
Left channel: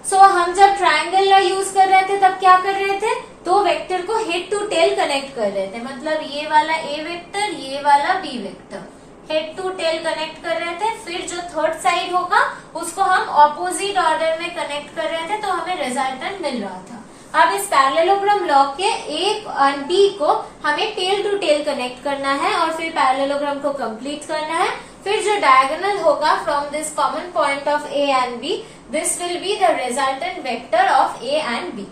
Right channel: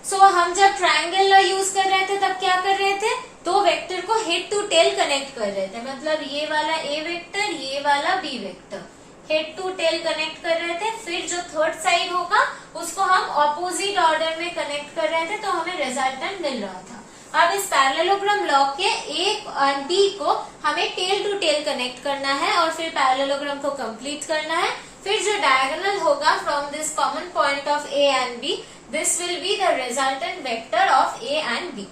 so हम जब ट्रायंगल लॉ यूज कर रहे थे तब क्या कर रहे थे, दो वेक्टर को हेड टू टेल कनेक्ट कर रहे थे, मतलब ये वाला ए वेक्टर, ये वाला B vector, head to tail connect कर रहे थे। फिर जो थर्ड साइड होगा उसको हम ऑपोजिट ऑर्डर में कनेक्ट कर रहे थे तो हमें रिजल्टेंट मिल रहा था। अब इस पैरेललोग्राम लॉ के ए और बी को हमें टेल टू टेल कनेक्ट करना है और फिर पैरेललोग्राम को कंप्लीट करना है। फिर जो डायगोनल होगा from this common point of A and B, this will be the resultant vector of A and B.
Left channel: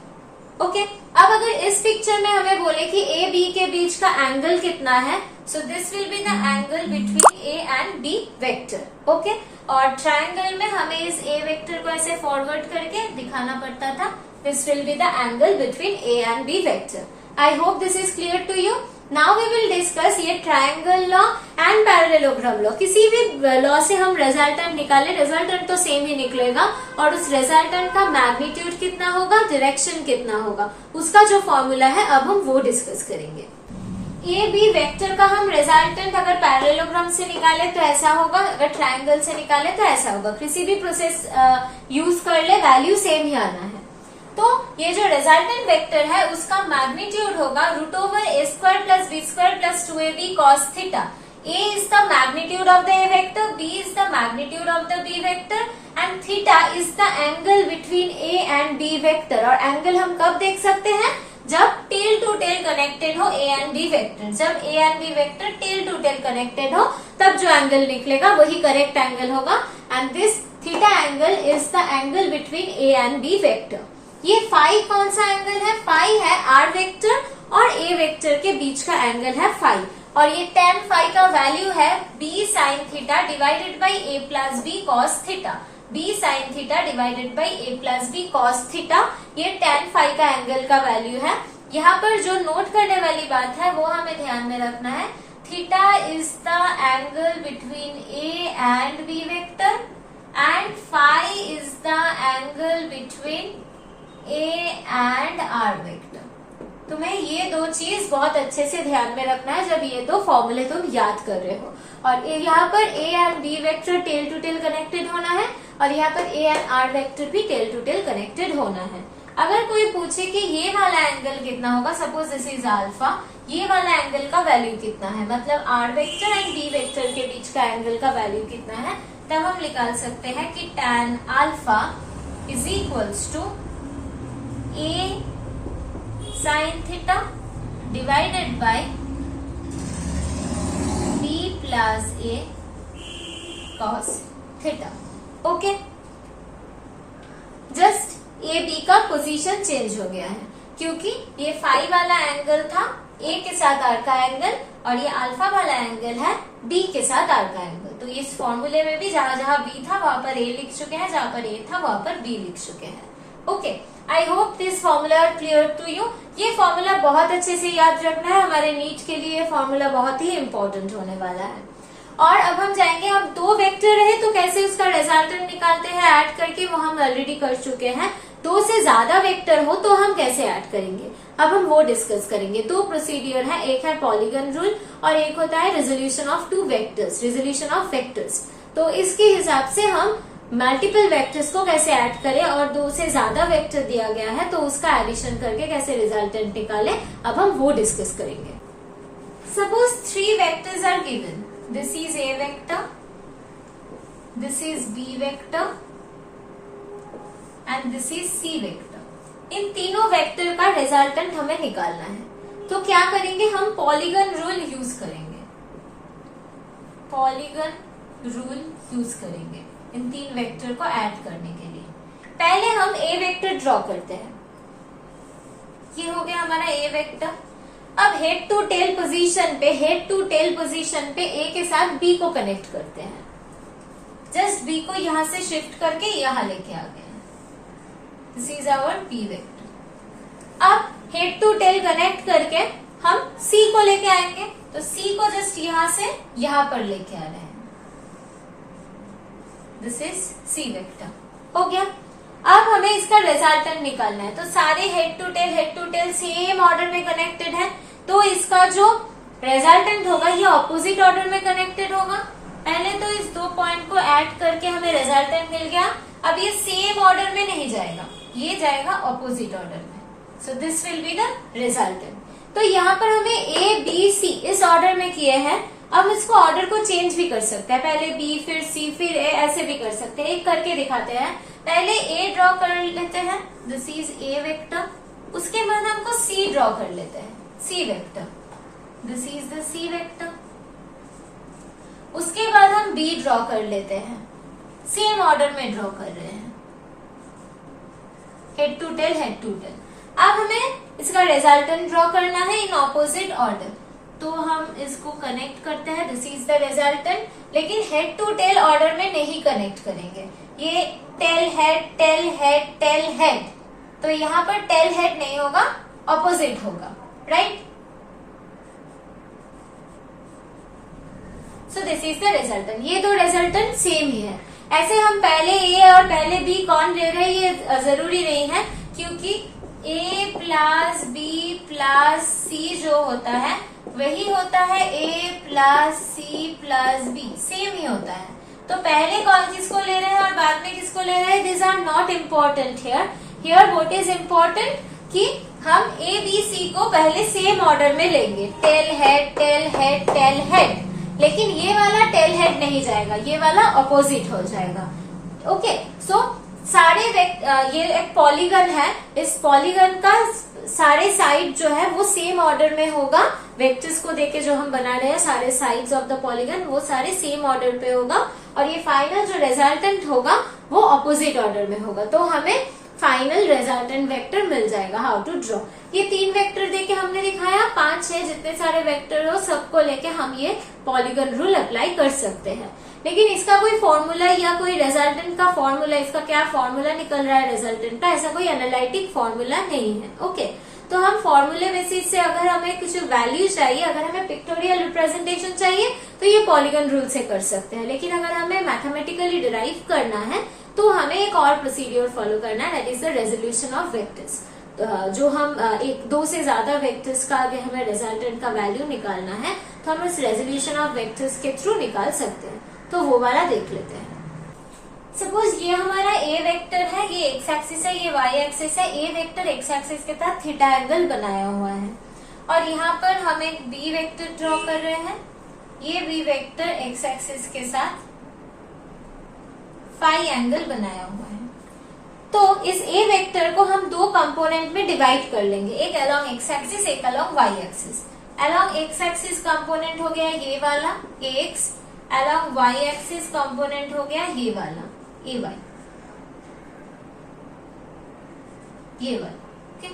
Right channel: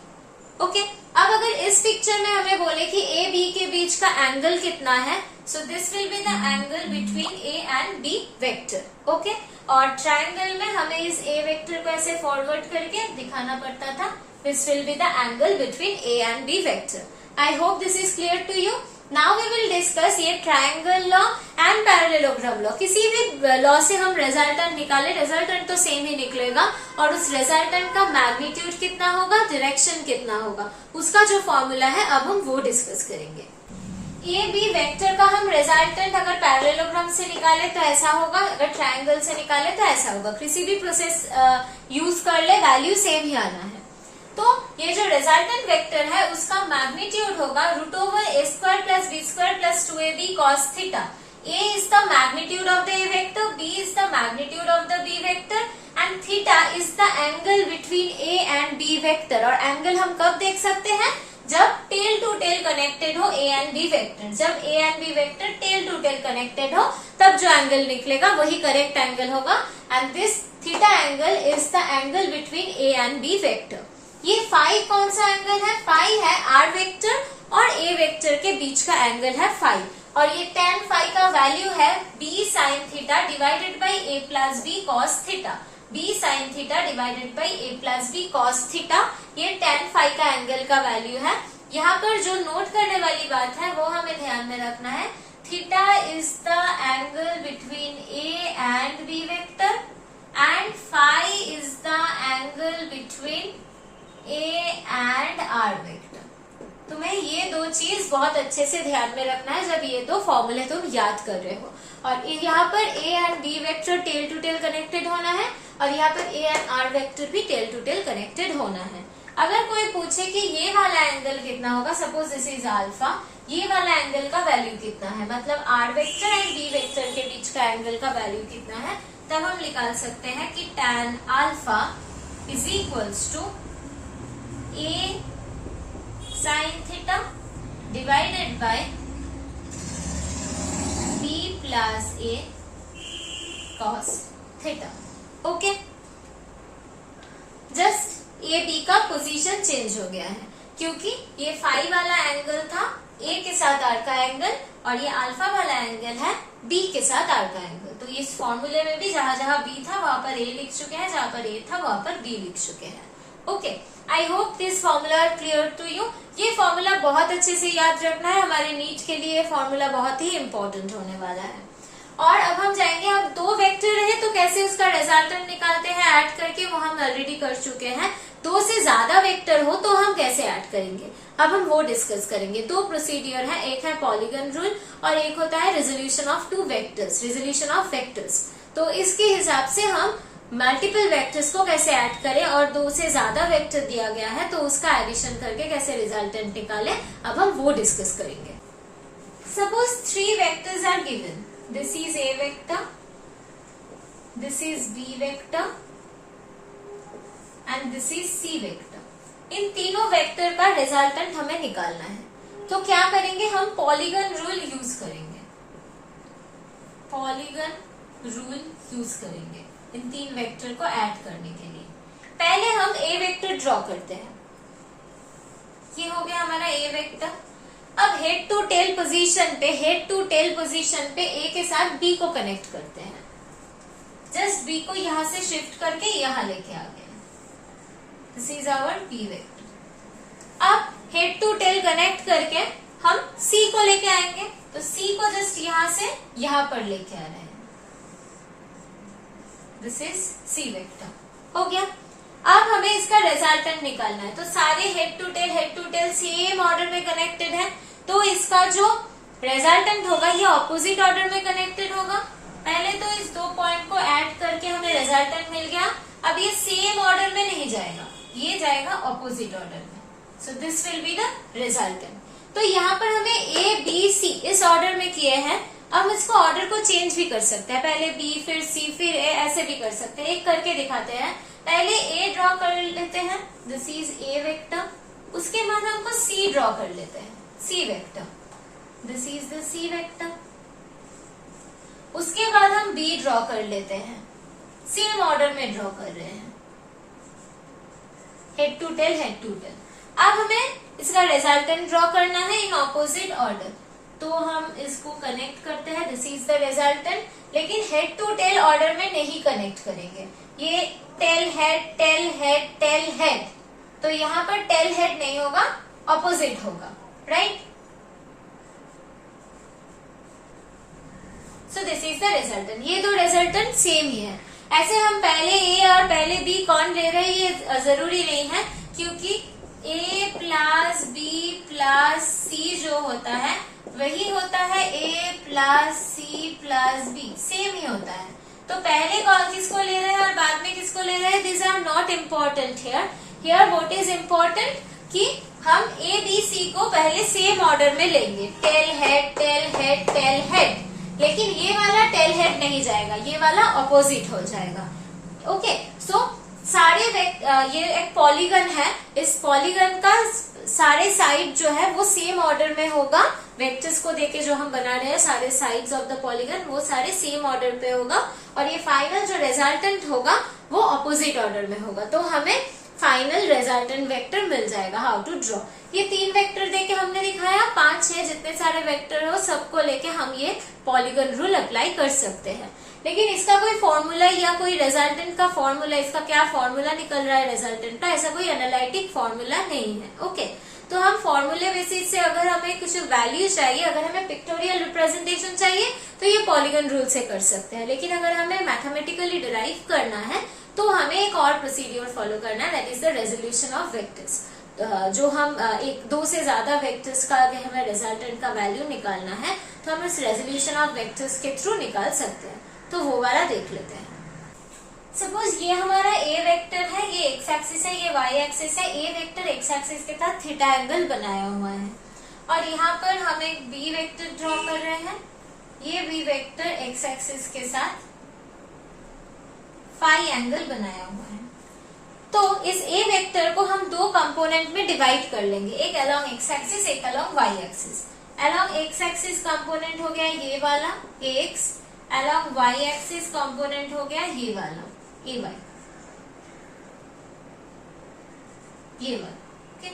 Okay, अब अगर इस पिक्चर में हमें बोले कि ए बी के बीच का एंगल कितना है, so this will be the angle between A and B vector. Okay, और ट्रायंगल में हमें इस ए वेक्टर को ऐसे फॉरवर्ड करके दिखाना पड़ता था, this will be the angle between A and B vector. I hope this is clear to you. Now we will discuss ये triangle law and parallelogram law. किसी भी लॉ से हम रिजल्टेंट निकाले, रिजल्टेंट तो सेम ही निकलेगा और उस रिजल्टेंट का मैग्नीट्यूड कितना होगा, डायरेक्शन कितना होगा, उसका जो फॉर्मूला है अब हम वो डिस्कस करेंगे। ए बी वेक्टर का हम रिजल्टेंट अगर पैरेललोग्राम से निकाले तो ऐसा होगा, अगर ट्रायंगल से निकाले तो ऐसा होगा। किसी भी प्रोसेस यूज कर ले, वैल्यू सेम ही आना है। तो ये जो रिजल्टेंट वेक्टर है उसका मैग्नीट्यूड होगा √a² + b² + 2ab cos theta. a is the magnitude of the a vector, b is the magnitude of the b vector and theta is the angle between a and b vector। और एंगल हम कब देख सकते हैं, जब टेल टू टेल कनेक्टेड हो ए एंड बी वेक्टर। जब A and B vector tail to tail connected हो तब जो एंगल निकलेगा वही करेक्ट एंगल होगा। And this theta angle is the angle between A and B vector. ये फाई कौन सा एंगल है, फाई है आर वेक्टर और ए वेक्टर के बीच का एंगल है फाई, और ये tan फाई का वैल्यू है b sin theta divided by a plus b cos theta. b sin theta divided by a plus b cos theta, ये tan फाई का एंगल का वैल्यू है। यहाँ पर जो नोट करने वाली बात है वो हमें ध्यान में रखना है, theta is the angle between a and b vector and phi is the angle between a and r vector. तुम्हें ये दो चीज बहुत अच्छे से ध्यान में रखना है जब ये दो फॉर्मूले तुम याद कर रहे हो। और यहाँ पर a and b vector tail to tail connected होना है और यहाँ पर a एंड r वेक्टर भी टेल टू टेल कनेक्टेड होना है। अगर कोई पूछे कि ये वाला एंगल कितना होगा, सपोज दिस इज अल्फा, ये वाला एंगल का वैल्यू कितना है, मतलब r vector and b vector के बीच का एंगल का वैल्यू कितना है, तब हम निकाल सकते हैं कि tan alpha is equals to a sin theta divided by b plus a cos theta. Okay, just A B का पोजीशन चेंज हो गया है क्योंकि ये फाई वाला एंगल था ए के साथ आर का एंगल, और ये अल्फा वाला एंगल है बी के साथ आर का एंगल। तो इस फॉर्मूले में भी जहां जहां बी था वहां पर ए लिख चुके हैं, जहां पर ए था वहां पर बी लिख चुके हैं। Okay, I hope this formula are clear to you. ये फॉर्मूला बहुत अच्छे से याद रखना है, हमारे नीट के लिए ये फॉर्मूला बहुत ही इंपॉर्टेंट होने वाला है। और अब हम जाएंगे, अब दो वेक्टर रहे तो कैसे उसका रिजल्टेंट निकालते हैं ऐड करके, वो हम ऑलरेडी कर चुके हैं। दो से ज्यादा वेक्टर हो तो हम कैसे ऐड करेंगे, अब हम वो डिस्कस करेंगे। दो प्रोसीडियर है, एक है पॉलीगन रूल और एक होता है resolution of two vectors, resolution of vectors. तो इसके हिसाब से हम मल्टीपल वेक्टर्स को कैसे ऐड करें, और दो से ज्यादा वेक्टर दिया गया है तो उसका एडिशन करके कैसे रिजल्टेंट निकालें, अब हम वो डिस्कस करेंगे। Suppose 3 vectors are given, this is A vector, this is B vector and this is C vector। इन तीनों वेक्टर का रिजल्टेंट हमें निकालना है। तो क्या करेंगे, हम पॉलीगन रूल यूज करेंगे, पॉलीगन रूल यूज करेंगे इन तीन वेक्टर को ऐड करने के लिए। पहले हम A वेक्टर ड्रॉ करते हैं, ये हो गया हमारा A वेक्टर। अब हेड टू टेल पोजीशन पे, हेड टू टेल पोजीशन पे ए के साथ बी को कनेक्ट करते हैं। जस्ट बी को यहां से शिफ्ट करके यहां लेके आ गए हैं। This is our B vector. अब हेड टू टेल कनेक्ट करके हम सी को लेके आएंगे, तो सी को जस्ट यहां से यहां पर लेके आ रहे हैं। This is C vector. हो गया। अब हमें इसका रिजल्टेंट निकालना है, तो सारे head to tail same order में कनेक्टेड है, तो इसका जो रिजल्टेंट होगा ये ऑपोजिट ऑर्डर में कनेक्टेड होगा। पहले तो इस दो पॉइंट को ऐड करके हमें रिजल्टेंट मिल गया। अब ये सेम ऑर्डर में नहीं जाएगा, ये जाएगा ऑपोजिट ऑर्डर में। सो this will be the resultant. तो यहाँ पर हमें ए बी सी इस ऑर्डर में किए हैं। अब इसको ऑर्डर को चेंज भी कर सकते हैं, पहले बी फिर सी फिर ए, ऐसे भी कर सकते हैं। एक करके दिखाते हैं। पहले ए ड्रॉ कर लेते हैं, दिस इज ए वेक्टर। उसके बाद हमको सी ड्रॉ कर लेते हैं, C vector, this is the C vector. उसके बाद हम बी ड्रॉ कर लेते हैं, सेम ऑर्डर में ड्रॉ कर रहे हैं, head to tail head to tail. अब हमें इसका रिजल्टेंट ड्रॉ करना है इन ऑपोजिट ऑर्डर, तो हम इसको कनेक्ट करते हैं, दिस इज द रिजल्टेंट। लेकिन हेड टू टेल ऑर्डर में नहीं कनेक्ट करेंगे, ये tail head tail head tail head, तो यहाँ पर टेल हेड नहीं होगा, ऑपोजिट होगा, right. So this is the resultant. ये दो रिजल्टेंट सेम ही है। ऐसे हम पहले ए और पहले बी कौन ले रहे हैं ये जरूरी नहीं है, क्योंकि A plus B plus C जो होता है वही होता है A plus C plus B, same ही होता है। तो पहले कौन किसको ले रहे हैं और बाद में किसको ले रहे हैं, this are not important here. Here what is important कि हम ए बी सी को पहले सेम ऑर्डर में लेंगे, tail head tail head tail head. लेकिन ये वाला टेल हेड नहीं जाएगा, ये वाला ऑपोजिट हो जाएगा। ओके, सो सारे ये एक पॉलीगन है, इस पॉलीगन का सारे साइड जो है वो सेम ऑर्डर में होगा। वेक्टर्स को देके जो हम बना रहे हैं सारे साइड्स ऑफ द पॉलीगन वो सारे सेम ऑर्डर पे होगा, और ये फाइनल जो रिजल्टेंट होगा वो ऑपोजिट ऑर्डर में होगा। तो हमें फाइनल रिजल्टेंट वेक्टर मिल जाएगा। हाउ टू ड्रॉ, ये 3 वेक्टर देके हमने दिखाया, 5-6 जितने सारे वेक्टर हो सबको लेके हम ये पॉलीगन रूल अप्लाई कर सकते हैं। लेकिन इसका कोई फॉर्मूला या कोई रिजल्टेंट का फॉर्मूला, इसका क्या फॉर्मूला निकल रहा है रिजल्टेंट का, ऐसा कोई एनालिटिक फॉर्मूला नहीं है। ओके, तो हम फॉर्मूले बेसिस से अगर हमें कुछ वैल्यू चाहिए, अगर हमें पिक्टोरियल रिप्रेजेंटेशन चाहिए तो ये पॉलीगन रूल से कर सकते हैं। लेकिन अगर हमें मैथमेटिकली डिराइव करना है तो हमें एक और प्रोसीड्योर फॉलो करना है, that is the resolution of vectors. जो हम एक दो से ज्यादा वेक्टर्स का अगर हमें रिजल्टेंट का वैल्यू निकालना है तो हम इस रेजोल्यूशन ऑफ वेक्टर्स के थ्रू निकाल सकते हैं। तो वो वाला देख लेते हैं। सपोज ये हमारा ए वेक्टर है, ये एक्स एक्सिस है, ये वाई एक्सिस है। ए वेक्टर एक्स एक्सिस के साथ थीटा एंगल बनाया हुआ है, और यहाँ पर हम एक बी वेक्टर ड्रॉ कर रहे हैं। ये बी वेक्टर एक्स एक्सिस के साथ फाई एंगल बनाया हुआ है। तो इस ए वेक्टर को हम दो कंपोनेंट में डिवाइड कर लेंगे, एक अलोंग एक्स एक्सिस, एक along Y axis. Along X axis component हो गया ये वाला X, along Y axis component हो गया ये वाला ए वाई, ये वाला, okay,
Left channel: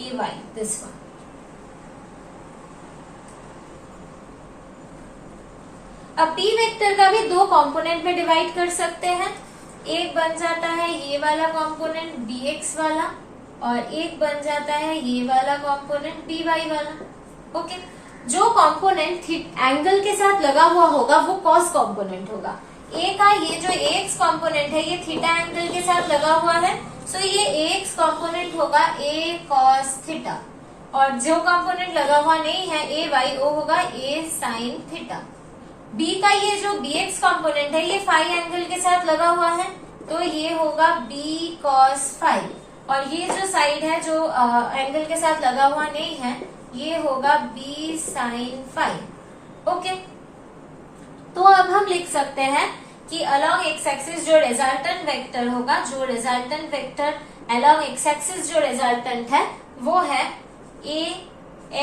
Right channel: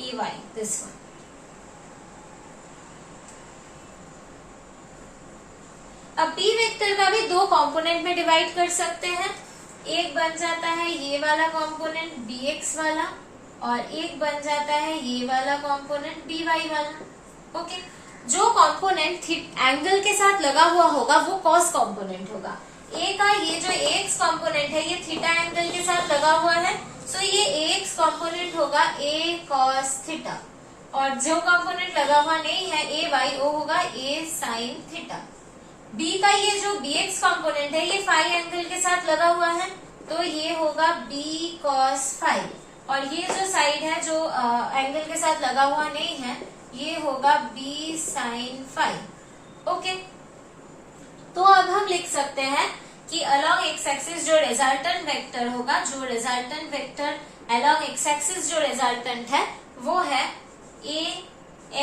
A Y this one. अब बी वेक्टर का भी दो कंपोनेंट में डिवाइड कर सकते हैं। एक बन जाता है ये वाला कंपोनेंट बी एक्स वाला, और एक बन जाता है ये वाला कंपोनेंट बी वाई वाला। ओके, जो कंपोनेंट एंगल के साथ लगा हुआ होगा वो कॉस कंपोनेंट होगा। ए का ये जो एक्स कंपोनेंट है ये थीटा एंगल के साथ लगा हुआ है, सो ये एक्स कंपोनेंट होगा ए कॉस थीटा, और जो कंपोनेंट लगा हुआ नहीं है ए वाई वो होगा ए साइन थीटा। बी का ये जो बी एक्स कंपोनेंट है ये फाई एंगल के साथ लगा हुआ है, तो ये होगा बी कॉस फाई, और ये जो साइड है जो एंगल के साथ लगा हुआ नहीं है ये होगा बी साइन फाई। ओके, तो अब हम लिख सकते हैं कि अलोंग एक्स एक्सिस जो रिजल्टेंट वेक्टर होगा, जो resultant vector along X axis जो रिजल्टेंट है वो है A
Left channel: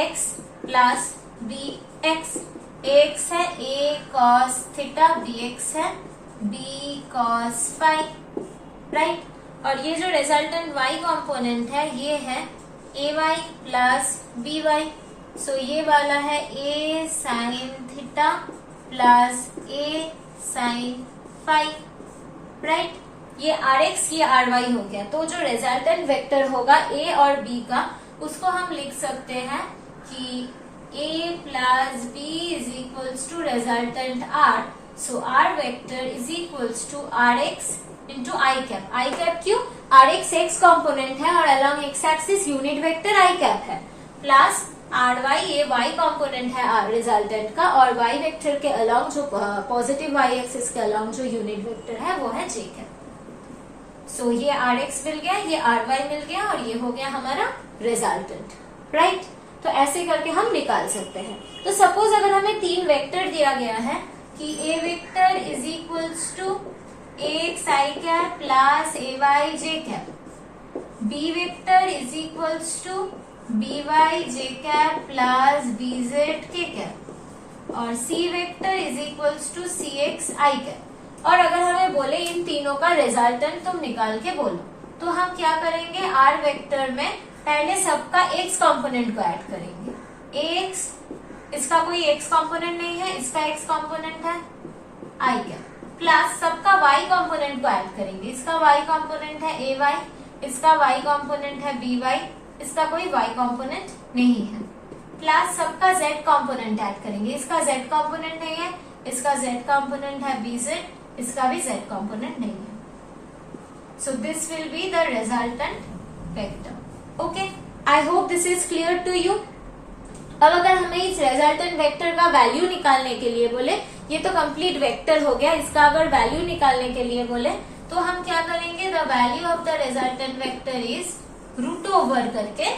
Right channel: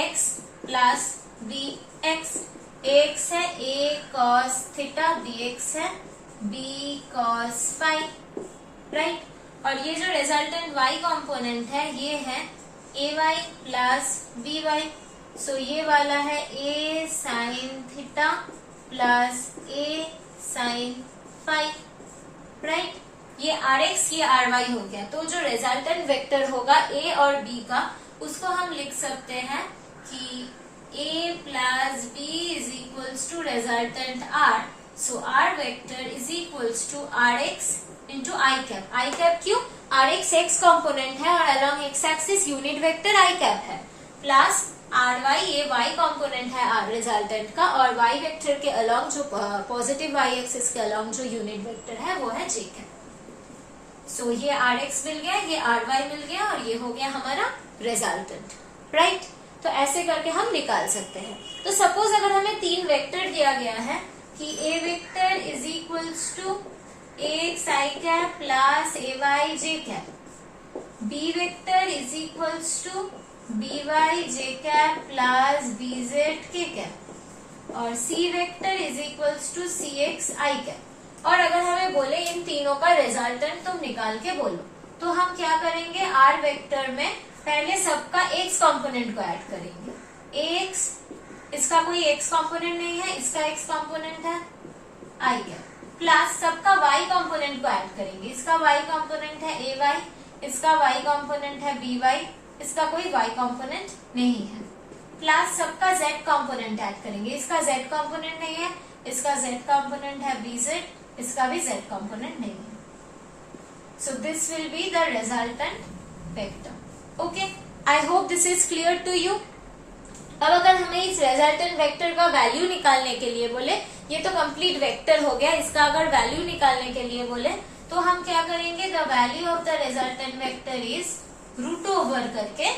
X plus B X. X है A cos theta, B X है बी कॉस फाई, राइट। और ये जो रिजल्टेंट y कंपोनेंट है ये है A Y plus B Y, so ये वाला है A sine theta plus A sine phi, right. ये आर एक्स ये आर वाई हो गया। तो जो रिजल्टेंट वेक्टर होगा ए और बी का उसको हम लिख सकते हैं कि a plus b is equals to resultant r. So r vector is equals to rx into I cap. I cap क्यों? rx x component है और along x axis unit vector I cap है, plus ry ये y component है r resultant का, और y vector के along जो positive y axis के along जो unit vector है वो है j cap. So ये rx मिल गया, ये ry मिल गया, और ये हो गया हमारा resultant, right? तो ऐसे करके हम निकाल सकते हैं। तो सपोज अगर हमें तीन वेक्टर दिया गया है कि A vector is equals to X I cap plus A Y J cap, B vector is equals to B Y J cap plus B Z K cap, और C vector is equals to C X I cap. और अगर हमें बोले इन तीनों का रिजल्टेंट तुम निकाल के बोलो, तो हम क्या करेंगे, आर वेक्टर में पहले सबका एक्स कंपोनेंट को ऐड करेंगे। एक्स, इसका कोई एक्स कंपोनेंट नहीं है, इसका एक्स कंपोनेंट है आई कैप, प्लस सबका वाई कंपोनेंट को ऐड करेंगे। इसका वाई कंपोनेंट है ए वाई, इसका वाई कंपोनेंट है बी वाई, इसका कोई वाई कंपोनेंट नहीं है, प्लस सबका जेड कंपोनेंट ऐड करेंगे। इसका जेड कंपोनेंट नहीं है, इसका जेड कंपोनेंट है बी जेड, इसका भी जेड कंपोनेंट नहीं है। So this will be the resultant vector. Okay, I hope this is clear to you. अब अगर हमें इस रिजल्टेंट वेक्टर का वैल्यू निकालने के लिए बोले, ये तो कंप्लीट वेक्टर हो गया, इसका अगर वैल्यू निकालने के लिए बोले तो हम क्या करेंगे, the value of the resultant vector is root over करके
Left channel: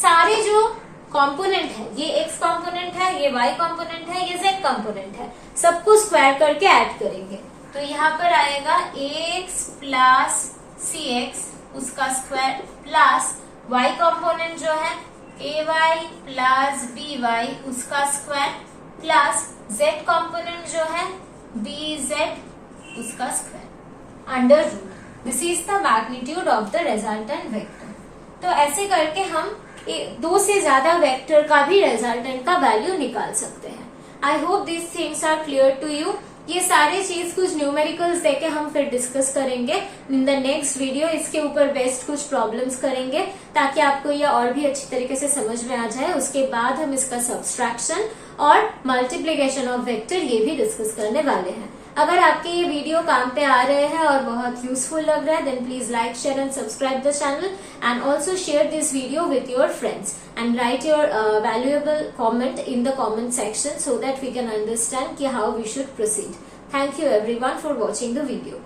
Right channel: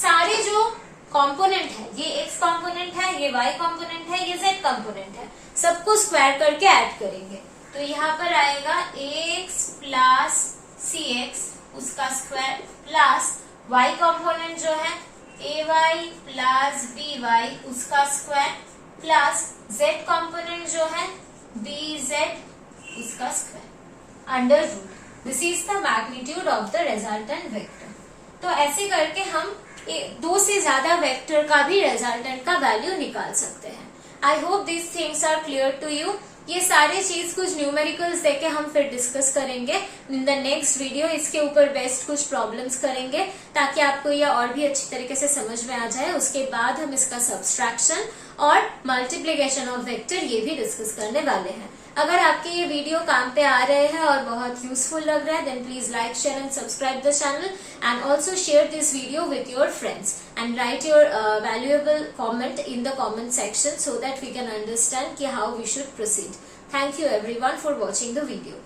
सारे जो कंपोनेंट है, ये एक्स कंपोनेंट है, ये वाई कंपोनेंट है, ये जेड कंपोनेंट है, सबको स्क्वायर करके ऐड करेंगे। तो यहाँ पर आएगा एक्स प्लस सी एक्स उसका स्क्वायर, प्लस y कंपोनेंट जो है A Y plus B Y उसका स्क्वायर, प्लस z कंपोनेंट जो है बी जेड उसका square under root. This is the magnitude of the resultant vector. तो ऐसे करके हम दो से ज्यादा वेक्टर का भी रिजल्टेंट का वैल्यू निकाल सकते हैं। I hope this things are clear to you. ये सारी चीज कुछ न्यूमेरिकल्स देके हम फिर डिस्कस करेंगे इन द नेक्स्ट वीडियो। इसके ऊपर बेस्ट कुछ प्रॉब्लम्स करेंगे ताकि आपको ये और भी अच्छी तरीके से समझ में आ जाए। उसके बाद हम इसका सब्सट्रैक्शन और मल्टीप्लीकेशन ऑफ वेक्टर ये भी डिस्कस करने वाले हैं। अगर आपके ये वीडियो काम पे आ रहे हैं और बहुत यूजफुल लग रहा है, then please like, share and subscribe the channel and also share this video with your friends and write your valuable comment in the comment section so that we can understand how we should proceed. Thank you everyone for watching the video.